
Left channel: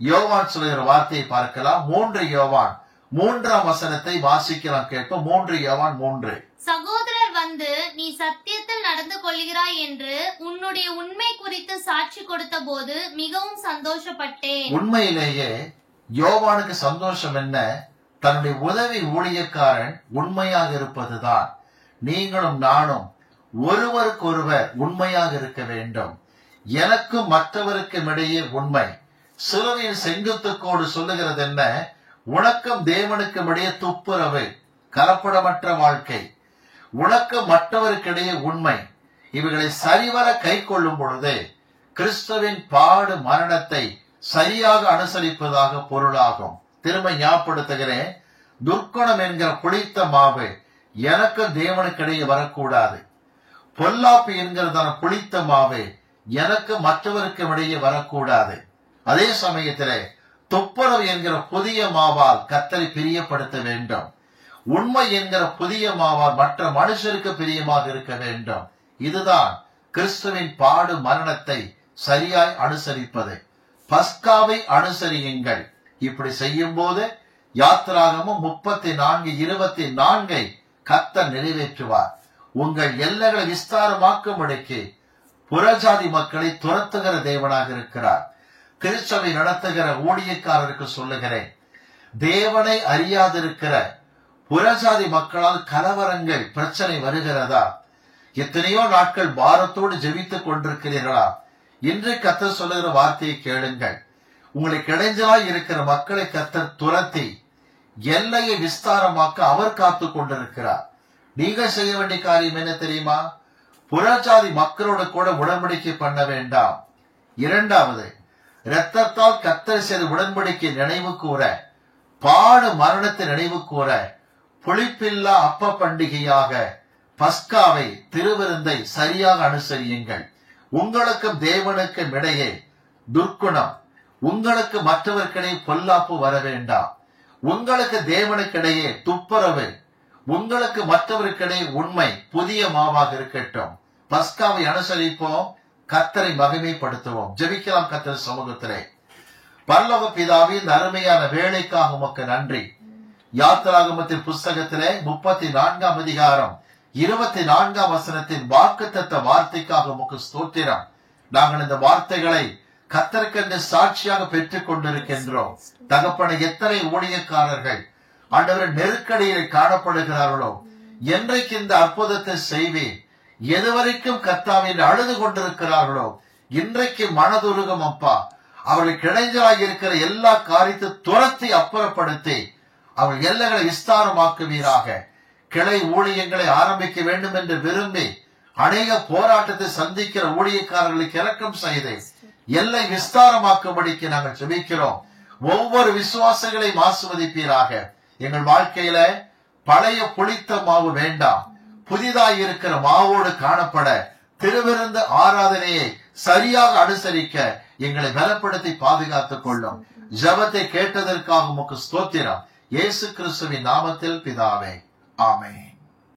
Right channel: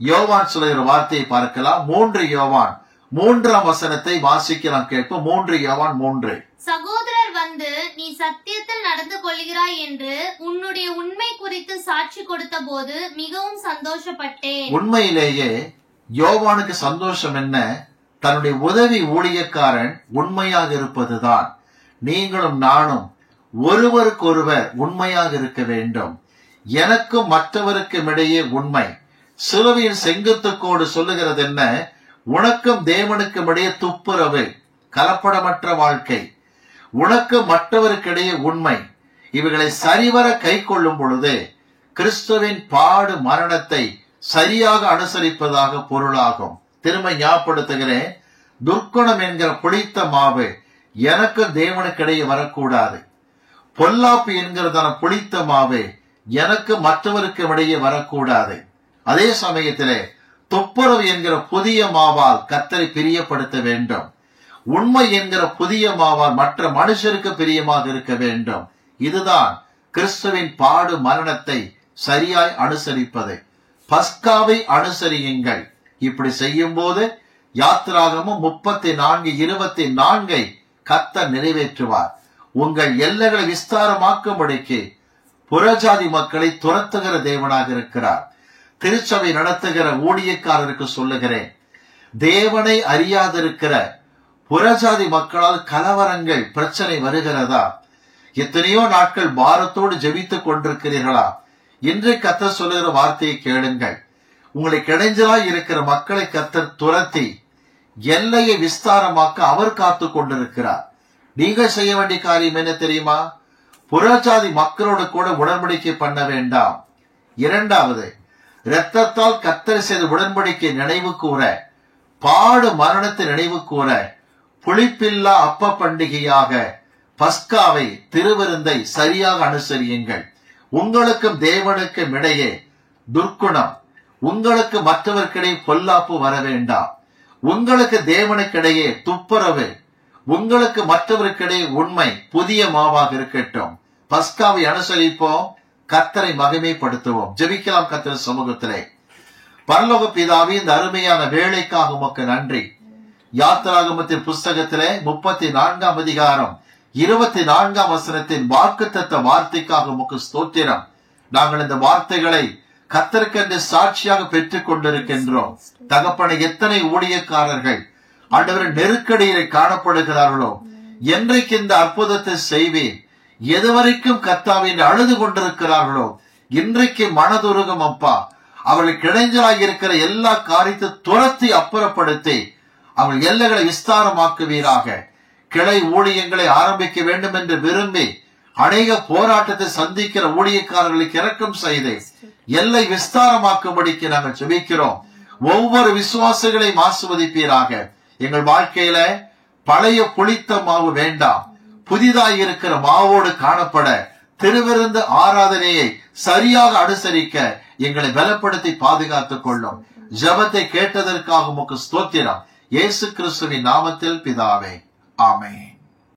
யோவான் சொல்லுகிற வார்த்தையை பார்க்கலாம். 3 யோவான் 3ஆம் வசனத்தை வாசிக்கலாம், கேட்போம். 3 யோவான் 3. சகோதரர் வந்து நீ சத்தியத்தில் நடந்து கொள்கிறாய் என்று உன்னுடைய உண்மை குறித்து சாட்சி கொடுத்த போது மிகவும் சந்தோஷப்பட்டேன். உண்மையிலேயே யோவானுக்கு சந்தோஷம் என்ன? தன்னுடைய உதவி ஊழியக்காரன் உண்மையாக இருப்பதுதான். நீங்களும் நானும் ஒருவருக்கொருவர் உண்மையாக இருக்க வேண்டும். எனக்கும் மற்றவருக்கும் இடையே உண்மை. சிலுவையின் செங்குத்துக்கோடு சொல்லுகிறது என்ன? உனக்கும் தேவனுக்கும் இடையே துப்புரவு, கலப்படமற்ற வாழ்க்கை. உனக்கு மற்றவருக்கிடையே உண்மை. இவைகளை சரிவர கை கொள்ளும் பொழுது கிறிஸ்துவின் பாடு மரணத்தை சரியாக அனுசரிப்பதாக பொருளாகும். திரும்ப ஞாபகப்படுத்துகிறேன், துர்க்குணம் என்கிற புளித்த மாவு எனக்கு தேவனுக்கிடையே வரக்கூடாது. பொல்லாப்பு என்கிறதான புளித்த மாவு எனக்கு மற்றவருக்கு இடையே வரக்கூடாது. அதே சமயத்திலே துப்புரவு என்கிற புதிய மாவால் கர்த்தரை பிரியப்படுத்த வேண்டும். உண்மை என்கிற புதிய மாவால் மற்ற மனுஷருக்கு பிரியமாக இருக்க வேண்டும். இதுதான் கிறிஸ்துவின் பாடு மரணத்தை சரியாய் அனுசரிப்பது. பஸ்காவை அனுசரியுங்கள். இப்படி செய்யும் போது யாத்திராகமும் 34:24 கர்த்தர் நிறைவேற்றுவார். உங்கள் எல்லைகளை விஸ்தாரமாக்கும்படிக்கு புறஜாதி மக்களை துரத்துகிற தேவனாக இருக்கிறார். திருச்சபை நடத்துகிற ஊழியக்காரருக்கு சொல்லுகிறேன், தேவனை அறியாதிருக்கிற புறஜாதி மக்களால் கலவரங்கள், பிரச்சனை வருகிறதா? எத்தனையோ நாட்கள் பாரத்தோடு ஜெபித்துக் கொண்டிருக்கிறீர்களா? இன்று கர்த்தர் சொல்லுகிற வார்த்தையை கேளுங்கள். உங்களுக்கு இடைஞ்சலாய் இருக்கிற மக்களை கர்த்தர் துரத்தி எல்லையை விஸ்தாரமாக்க அவர் காத்து கொண்டிருக்கிறார். நீங்கள் செய்ய வேண்டிய காரியம் என்ன தெரியுமா? புறஜாதி மக்களோடு கூட உடன்படிக்கை பண்ண வேண்டாம். 2வது, இரத்தத்தால் கர்த்தர் செய்த உடன்படிக்கை நினைவு கூற, பாடு மரணத்தை நினைவு கூற, புளிப்பில்லா அப்ப பண்டிகையாக பஸ்காவை, திருவிருந்தை சரியாக அனுசரியுங்கள். உங்களுக்கும் தேவனுக்கும் இடையே துர்க்குணம், உங்களுக்கு மற்றவர்க்கிடையே பொல்லாப்பு வர வேண்டாம். உங்களுக்கு தேவனுக்கிடையே துப்புரவு, உங்களுக்கு மற்றவருக்கிடையே உண்மை புதிய மாவாக இருக்கட்டும். பஸ்காவை அனுசரிப்போம், கர்த்தரை மகிமைப்படுத்துவோம். ஜெபிக்கலாம் கர்த்தர் சமூகத்திலே. பரலோக பிதாவே, இந்த அருமையான வேலைக்காக உமக்கு நன்றி. யாத்திராகமத்தின் புஸ்தகத்திலே 34ஆம் அதிகாரம் 24ஆம் வசனத்தின் வாக்குத்தத்த வார்த்தைக்காக உமக்கு ஸ்தோத்திரம். நாங்கள் இந்த வார்த்தைகளை கர்த்தருக்கென்று சாட்சியாக பெற்றுக் கொண்டிருக்கின்றோம். தகப்பனை, எத்தனை ஊழியக்காரர்கள் ஆண்டவர் நெருக்கடியில் காணப்படுகிறார்களோ, என்றைக்கு இந்த அற்புதத்தை செய்வேன், எதுவரைக்கும் கர்த்தாவே அழுது கொண்டிருக்கிறார்களோ, இன்றைக்கு மனதுருகம் அப்பா. அவர்களுக்கு இடைஞ்சலாக இருக்கிற எல்லா காரியத்தை துரத்தி அப்புறப்படுத்தி அவர்கள் எல்லைகளை விஸ்தாரமாக்குவீராக. கிளை ஊழியங்களை ஆரம்பிக்க வேண்டும் என்று விரும்பி அநேக போராட்டத்தை சந்திக்கிற ஊழியக்காரர்களுக்கு இரக்கம் செய்து எல்லை விஸ்தாரமாக்கும்படிக்கு நாங்கள் ஜெபிக்கிறோம். ஒவ்வொரு விசுவாசிகளையும் ஆசீர்வதிப்பீராக. எங்கள் வாழ்க்கையில பழைய புளித்த மாவு வேண்டாம், புதிதாய் இருக்கிற மாவோடு காணப்பட திருவிருந்து ஆராதனையை சரியாக அனுசரிக்க எங்களை பலப்படுத்தி பாதுகாத்துக் கொள்ளும். ஜெபத்தை கேட்டதற்காக உமக்கு ஸ்தோத்திரம். இயேசு கிறிஸ்துவின் நாமத்தில் பிதாவே, ஆமென்.